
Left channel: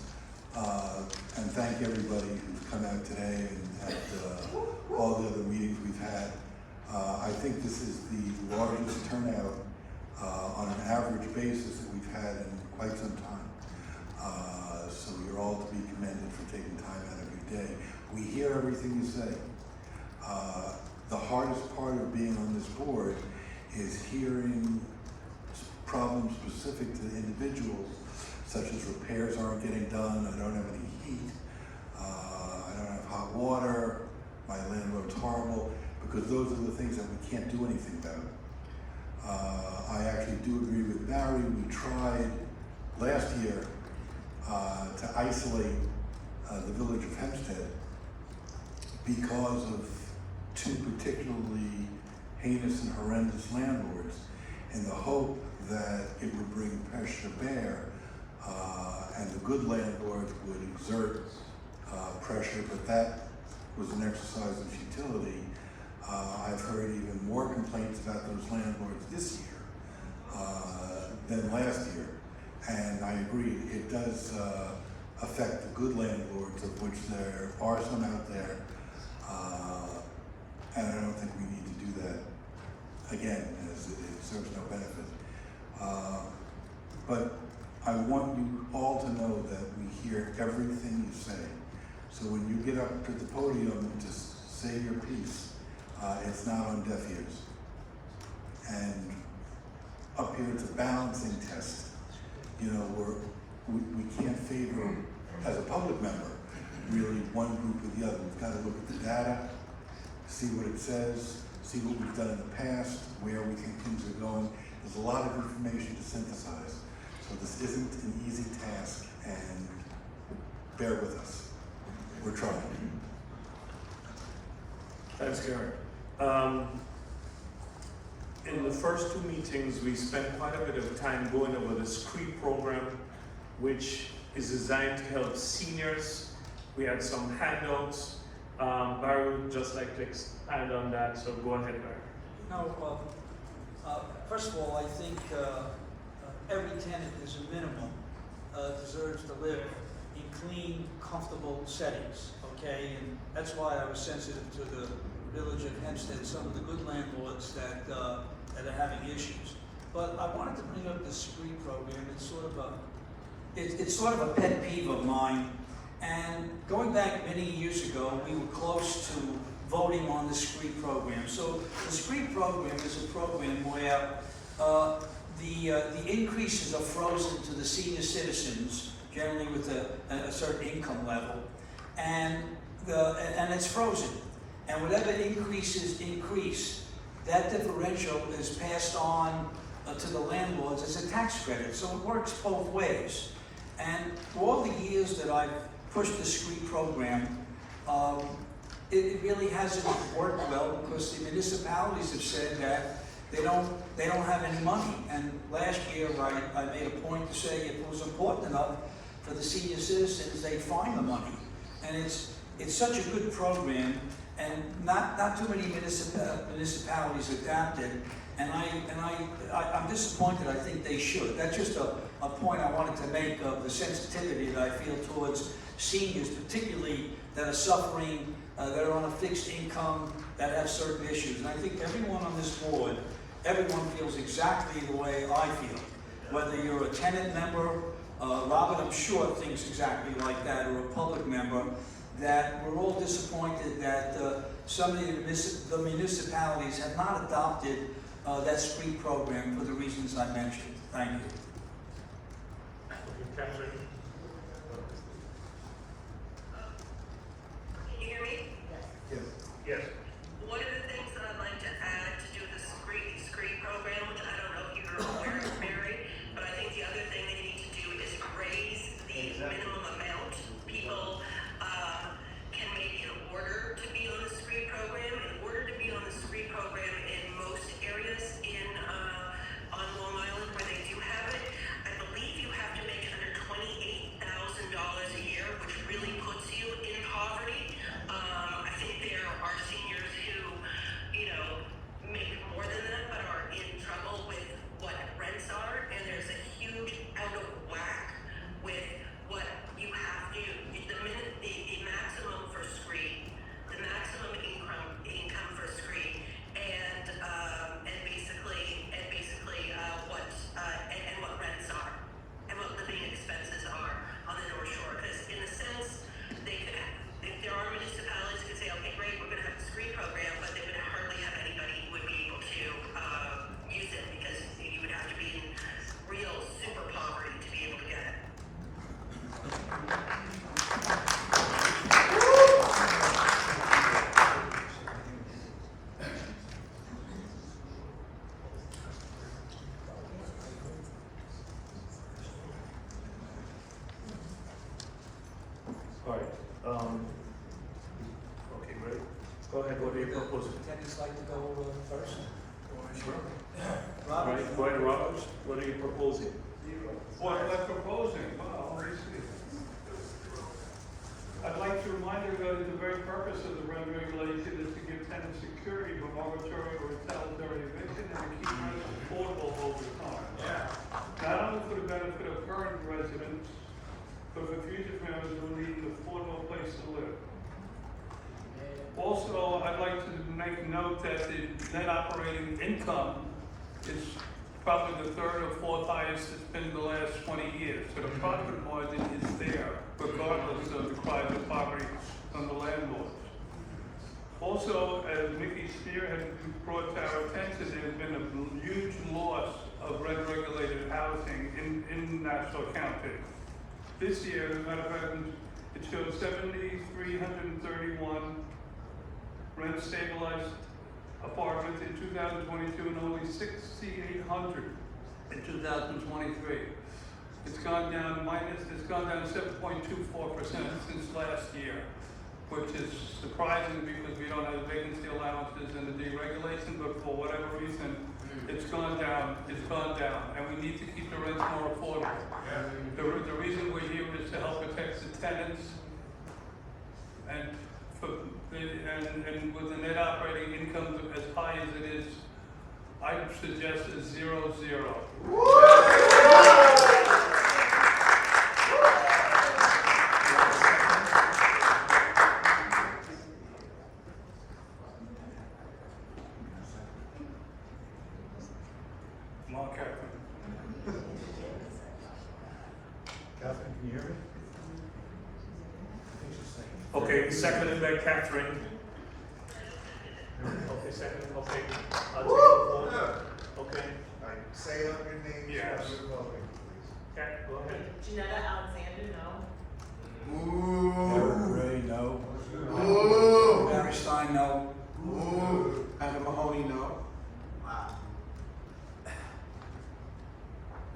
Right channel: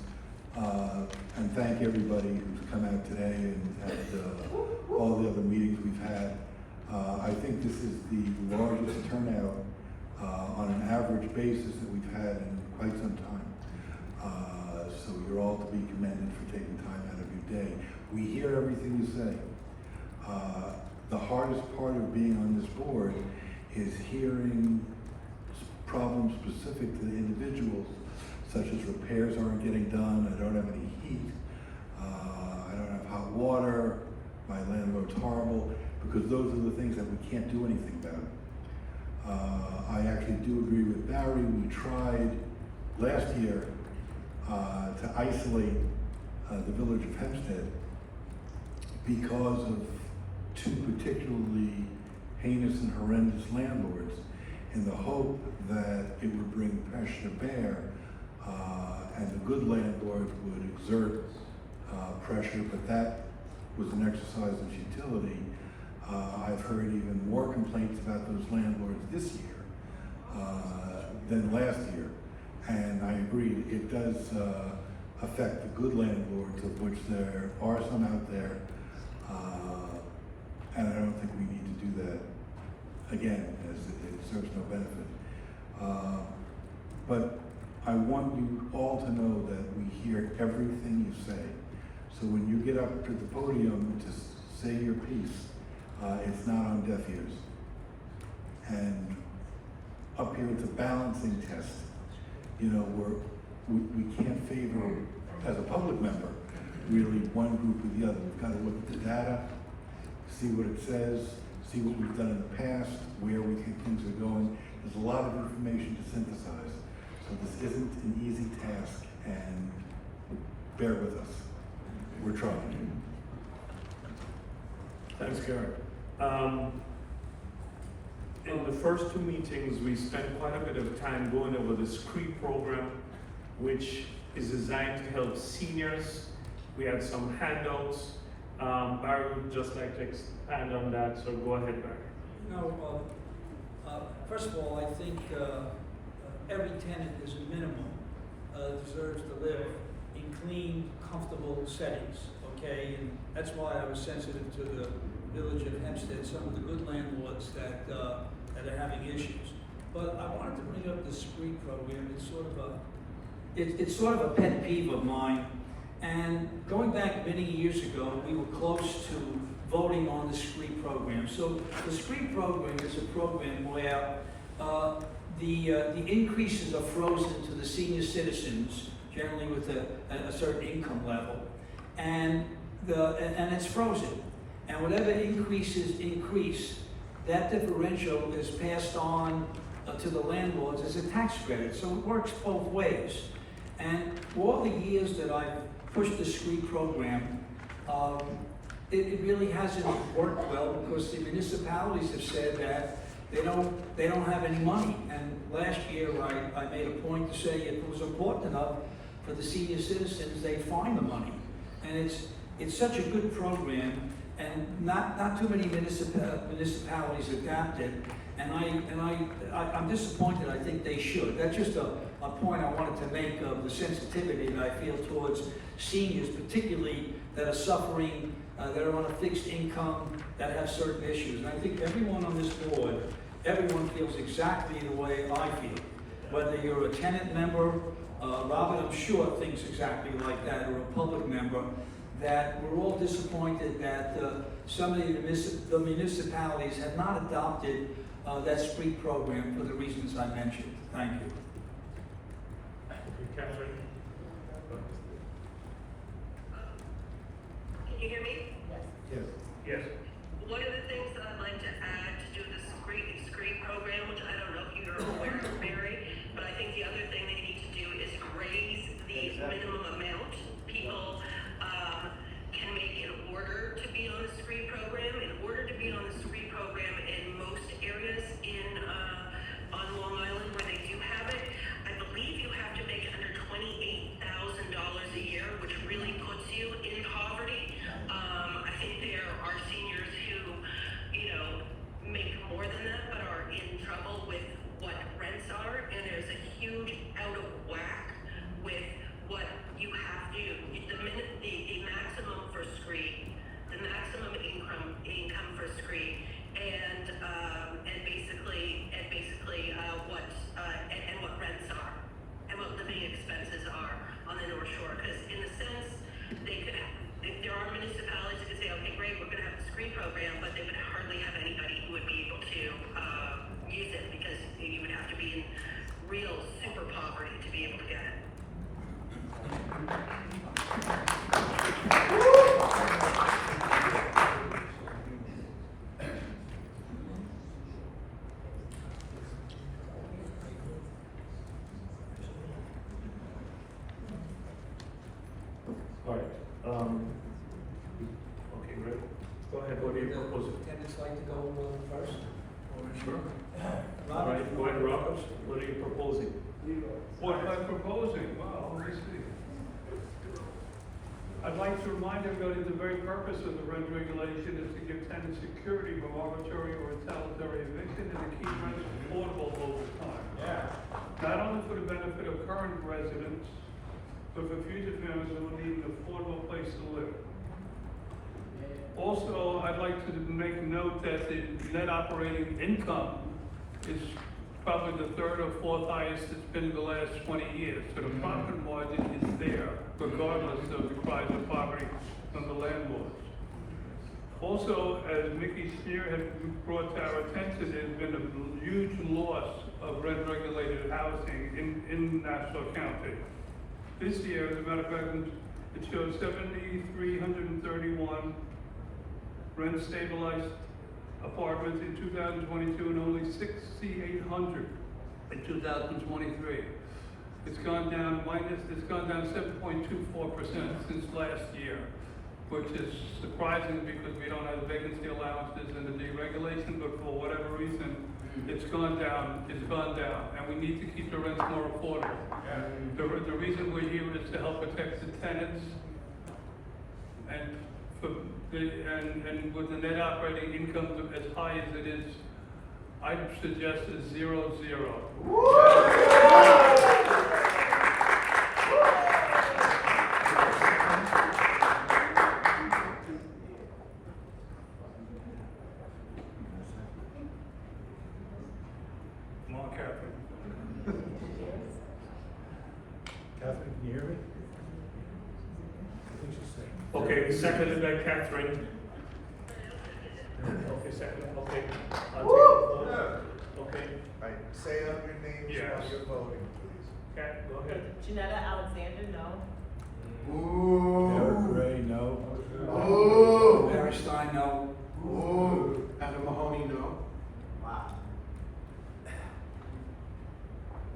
and thank everybody who's come out today and at all the other meetings we've had. I think this is the largest turnout on an average basis that we've had in quite some time. So you're all to be commended for taking time out of your day. We hear everything you say. The hardest part of being on this board is hearing problems specific to the individuals, such as repairs aren't getting done, I don't have any heat, I don't have hot water, my landlord's horrible, because those are the things that we can't do anything about. I actually do agree with Barry. We tried last year to isolate the village of Hempstead because of two particularly heinous and horrendous landlords, in the hope that it would bring pressure to bear and the good landlords would exert pressure, but that was an exercise of futility. I've heard even more complaints about those landlords this year than last year, and I agree, it does affect the good landlords, of which there are some out there, and I don't think we need to do that again, as it serves no benefit. But I want you all to know that we hear everything you say. So when you get up to the podium to say your piece, it's not on deaf ears. And up here, it's a balancing test. You know, we can't favor, as a public member, really one group or the other. We've got to look at the data, see what it says, see what we've done in the past, where we think things are going. There's a lot of information to synthesize. So this isn't an easy task, and bear with us. We're trying. Thanks, Gary. In the first two meetings, we spent quite a bit of time going over the SCREET program, which is designed to help seniors. We had some handouts. Barry would just like to expand on that, so go ahead, Barry. No, first of all, I think every tenant is a minimum deserves to live in clean, comfortable settings, okay? And that's why I was sensitive to the village of Hempstead, some of the good landlords that are having issues. But I wanted to bring up the SCREET program. It's sort of a pet peeve of mine. And going back many years ago, we were close to voting on the SCREET program. So the SCREET program is a program where the increases are frozen to the senior citizens, generally with a certain income level, and it's frozen. And whatever increases increase, that differential is passed on to the landlords as a tax credit. So it works both ways. And for all the years that I've pushed the SCREET program, it really hasn't worked well because the municipalities have said that they don't have any money. And last year I made a point to say if it was important enough for the senior citizens, they'd find the money. And it's such a good program, and not too many municipalities adapt it. And I'm disappointed. I think they should. That's just a point I wanted to make of the sensitivity that I feel towards seniors, particularly that are suffering, that are on a fixed income, that have certain issues. And I think everyone on this board, everyone feels exactly the way I feel. Whether you're a tenant member, Robert, I'm sure, thinks exactly like that, or a public member, that we're all disappointed that some of the municipalities have not adopted that SCREET program for the reasons I mentioned. Thank you. Okay, Catherine. Can you hear me? Yes. Yes. One of the things that I'd like to add to do the SCREET program, which I don't know if you're aware of, Mary, but I think the other thing they need to do is raise the minimum amount people can make in order to be on the SCREET program. In order to be on the SCREET program in most areas on Long Island where they do have it, I believe you have to make under $28,000 a year, which really puts you in poverty. I think there are seniors who, make more than that, but are in trouble with what rents are, and there's a huge out of whack with what you have to do. The maximum for SCREET, the maximum income for SCREET, and basically what rents are, and what living expenses are on the North Shore. Because in a sense, they could have, if there are municipalities that could say, okay, great, we're going to have a SCREET program, but they would hardly have anybody who would be able to use it, because you would have to be in real super poverty to be able to get it. All right. Okay, great. Go ahead. What are you proposing? Tenants like to go first? Sure. Robert? Right, go ahead, Robert. What are you proposing? What am I proposing? Well, let me see. I'd like to remind everybody the very purpose of the rent regulation is to give tenants security from arbitrary or retaliatory eviction and to keep rents affordable over time. Yeah. Not only for the benefit of current residents, but for future families who need an affordable place to live. Also, I'd like to make note that the net operating income is probably the third or fourth highest it's been in the last 20 years. So the profit margin is there, regardless of the private property from the landlords. Also, as Mickey Steer has brought to our attention, there's been a huge loss of rent-regulated housing in Nassau County. This year, as a matter of fact, it shows 7,331 rent-stabilized apartments in 2022 and only 6,800 in 2023. It's gone down 7.24% since last year, which is surprising because we don't have vacancy allowances and the deregulation, but for whatever reason, it's gone down, and we need to keep the rents more affordable. The reason we're here is to help protect the tenants, and with the net operating income as high as it is, I suggest a 0-0. Catherine, can you hear me? I think she's second. Okay, seconded by Catherine. Okay, seconded, okay. I'll take the vote. Okay, Right, say it on your name, Yes. while you're voting, please. Cat, go ahead. Janetta Alexander, no. Eric Gray, no. Barry Stein, no. Evan Mahoney, no.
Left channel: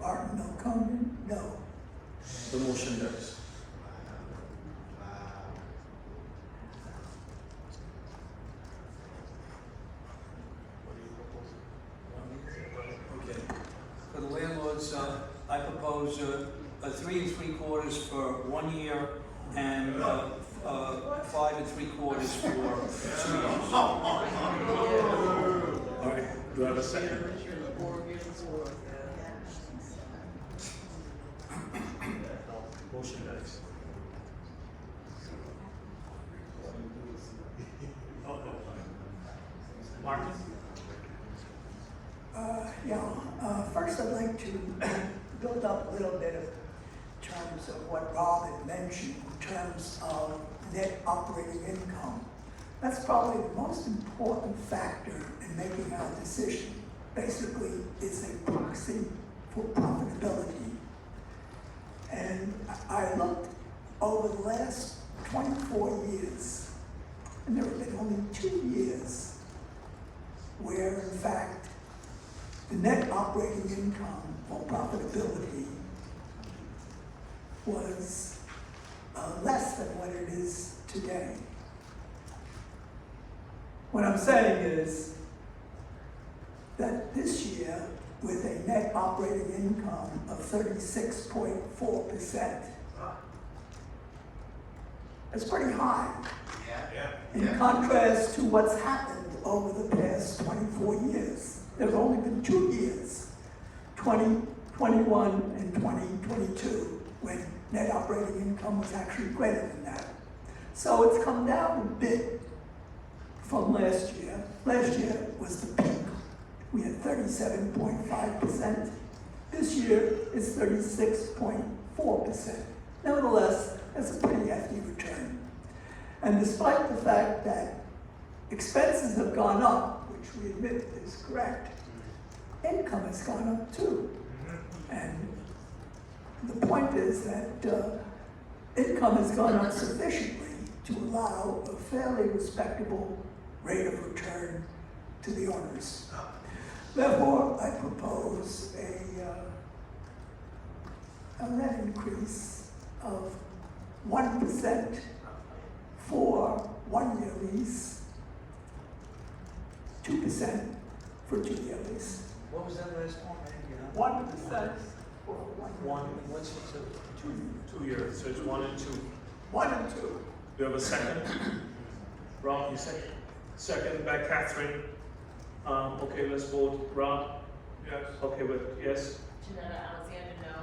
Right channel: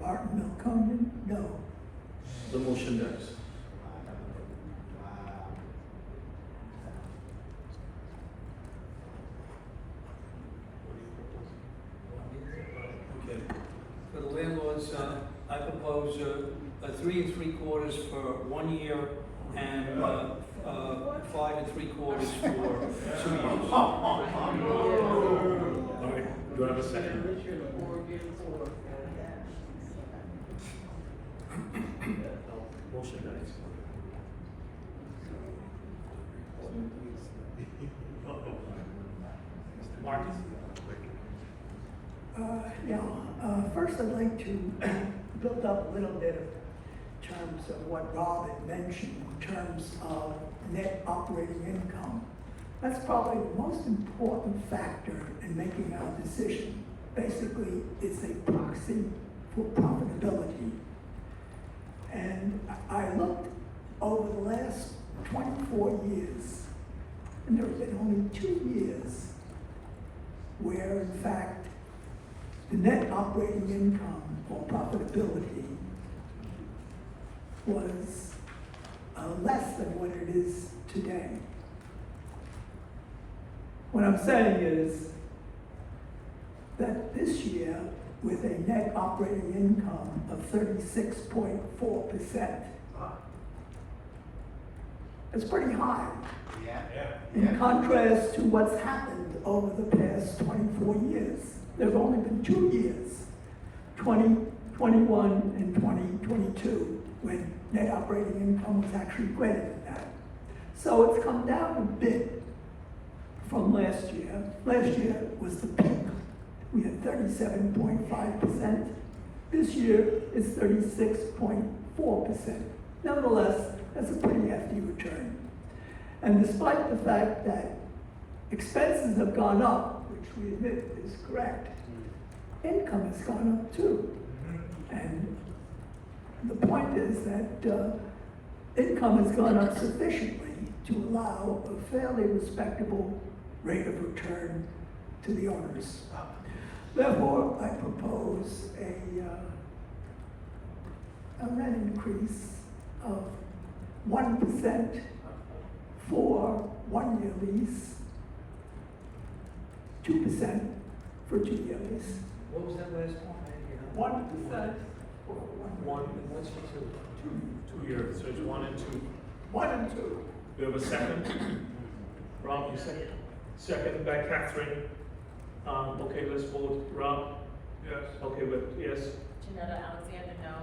Martin Melcomben, no. The motion dies. Okay. For the landlords, I propose a 3 3/4 for 1 year and 5 3/4 for 2 years. All right, do I have a second? Motion dies. Martin? First I'd like to build up a little bit of terms of what Rob had mentioned in terms of net operating income. That's probably the most important factor in making our decision. Basically, it's a proxy for profitability. And I looked over the last 24 years, and there have been only 2 years where, in fact, the net operating income or profitability was less than what it is today. What I'm saying is that this year, with a net operating income of 36.4%, it's pretty high. In contrast to what's happened over the past 24 years. There's only been 2 years, 2021 and 2022, when net operating income was actually greater than that. So it's come down a bit from last year. Last year was the peak. We had 37.5%. This year is 36.4%. Nevertheless, that's a pretty hefty return. And despite the fact that expenses have gone up, which we admit is correct, income has gone up too. And the point is that income has gone up sufficiently to allow a fairly respectable rate of return to the owners. Therefore, I propose a rent increase of 1% for 1-year lease, 2% for 2-year lease. What was that last point? 1% for One, And what's for 2? 2 years, so it's 1 and 2. 1 and 2. We have a second? Rob, you second? Second by Catherine. Okay, let's vote. Rob? Yes. Okay, yes. Janetta Alexander, no.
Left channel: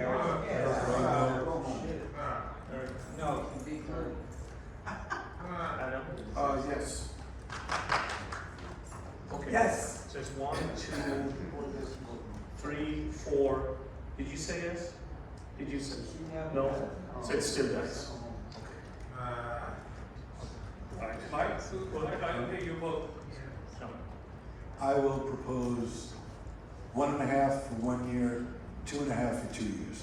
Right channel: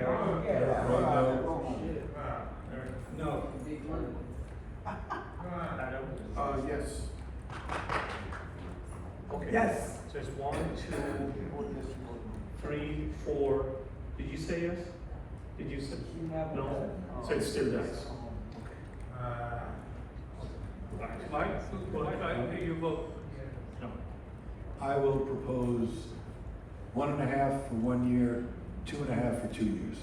Eric? Eric Gray, no. No. Adam? Yes. Okay. Yes. So it's 1, 2, 3, 4, did you say yes? Did you say? No? So it still does. Mike, I hear you vote. No. I will propose 1.5 for 1 year, 2.5 for 2 years.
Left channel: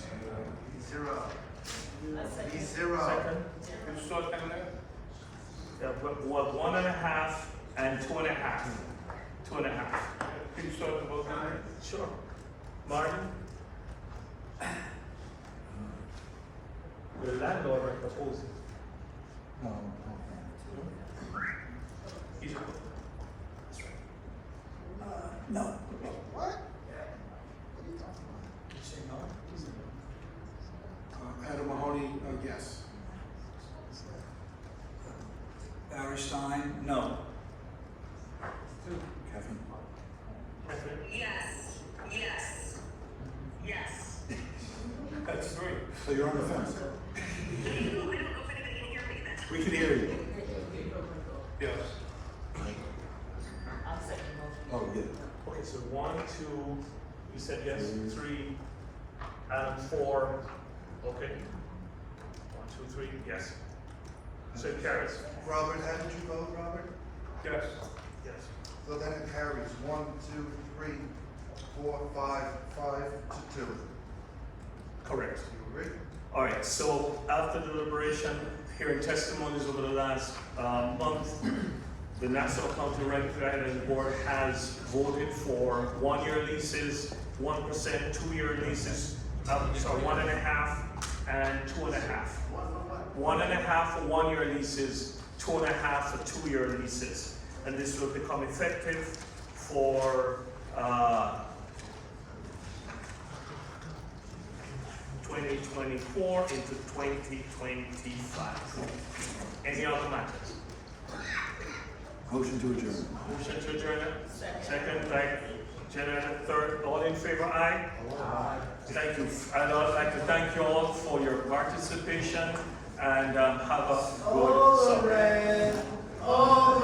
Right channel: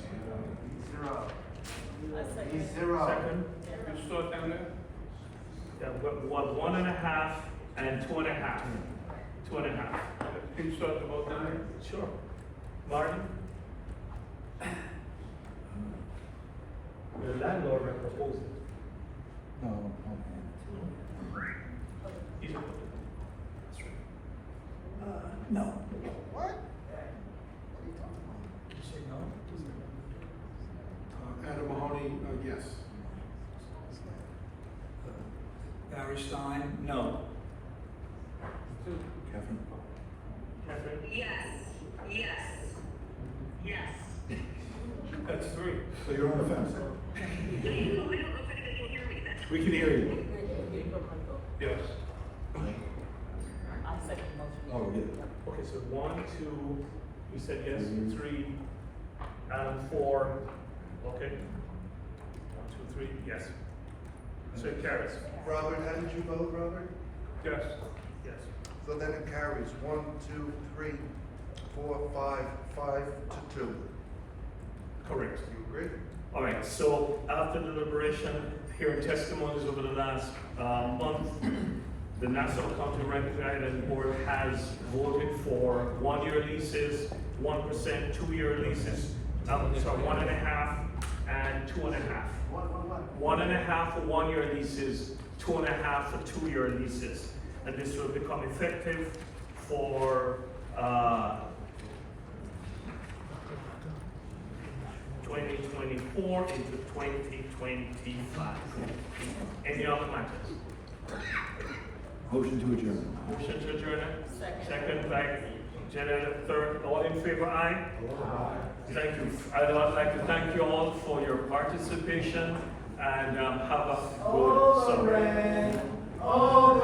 Zero. I second. Zero. Second? You start down there? Yeah, what, 1.5 and 2.5? 2.5. Can you start the vote down there? Sure. Martin? The landlord proposing. No, no. He's a No. You say no? Adam Mahoney, yes. Barry Stein, no. Kathy? Yes, yes, yes. That's 3. So you're on the fence? I don't know if anybody can hear me. We can hear you. Yes. I'll second the motion. Oh, yeah. Okay, so 1, 2, you said yes, 3, Adam 4, okay. 1, 2, 3, yes. So it carries. Robert, how did you vote, Robert? Yes. Yes. So then it carries 1, 2, 3, 4, 5, 5 to 2. Correct. You agree? All right, so after deliberation, hearing testimonies over the last month, the Nassau County Rent Guidelines Board has voted for 1-year leases, 1%, 2-year leases, 1.5 and 2.5. 1.5 for 1-year leases, 2.5 for 2-year leases. And this will become effective for 2024 into 2025. Any other matters? Motion to adjourn. Motion to adjourn. Second. Second by Janet, third. All in favor, aye? Aye. Thank you. I'd like to thank you all for your participation and have a good summer. All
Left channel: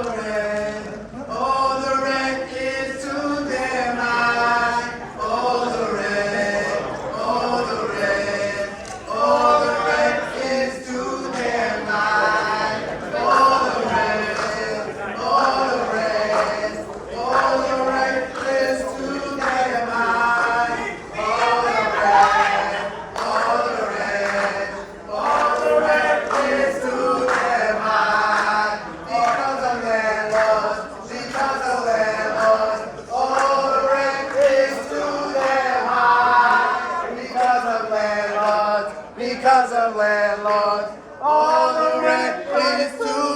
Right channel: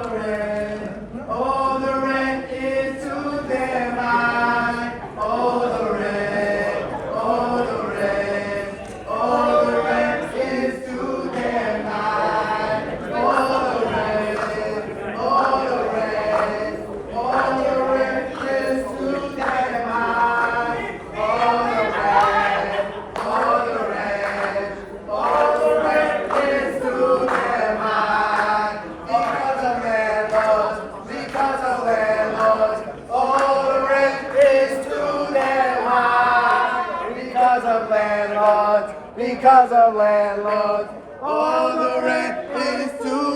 the rent is to their mind. All the rent, all the rent, all the rent is to their mind. All the rent, all the rent, all the rent is to their mind. All the rent, all the rent, all the rent is to their mind. Because of landlords, because of landlords, all the rent is to their mind. Because of landlords, because of landlords, all the rent is to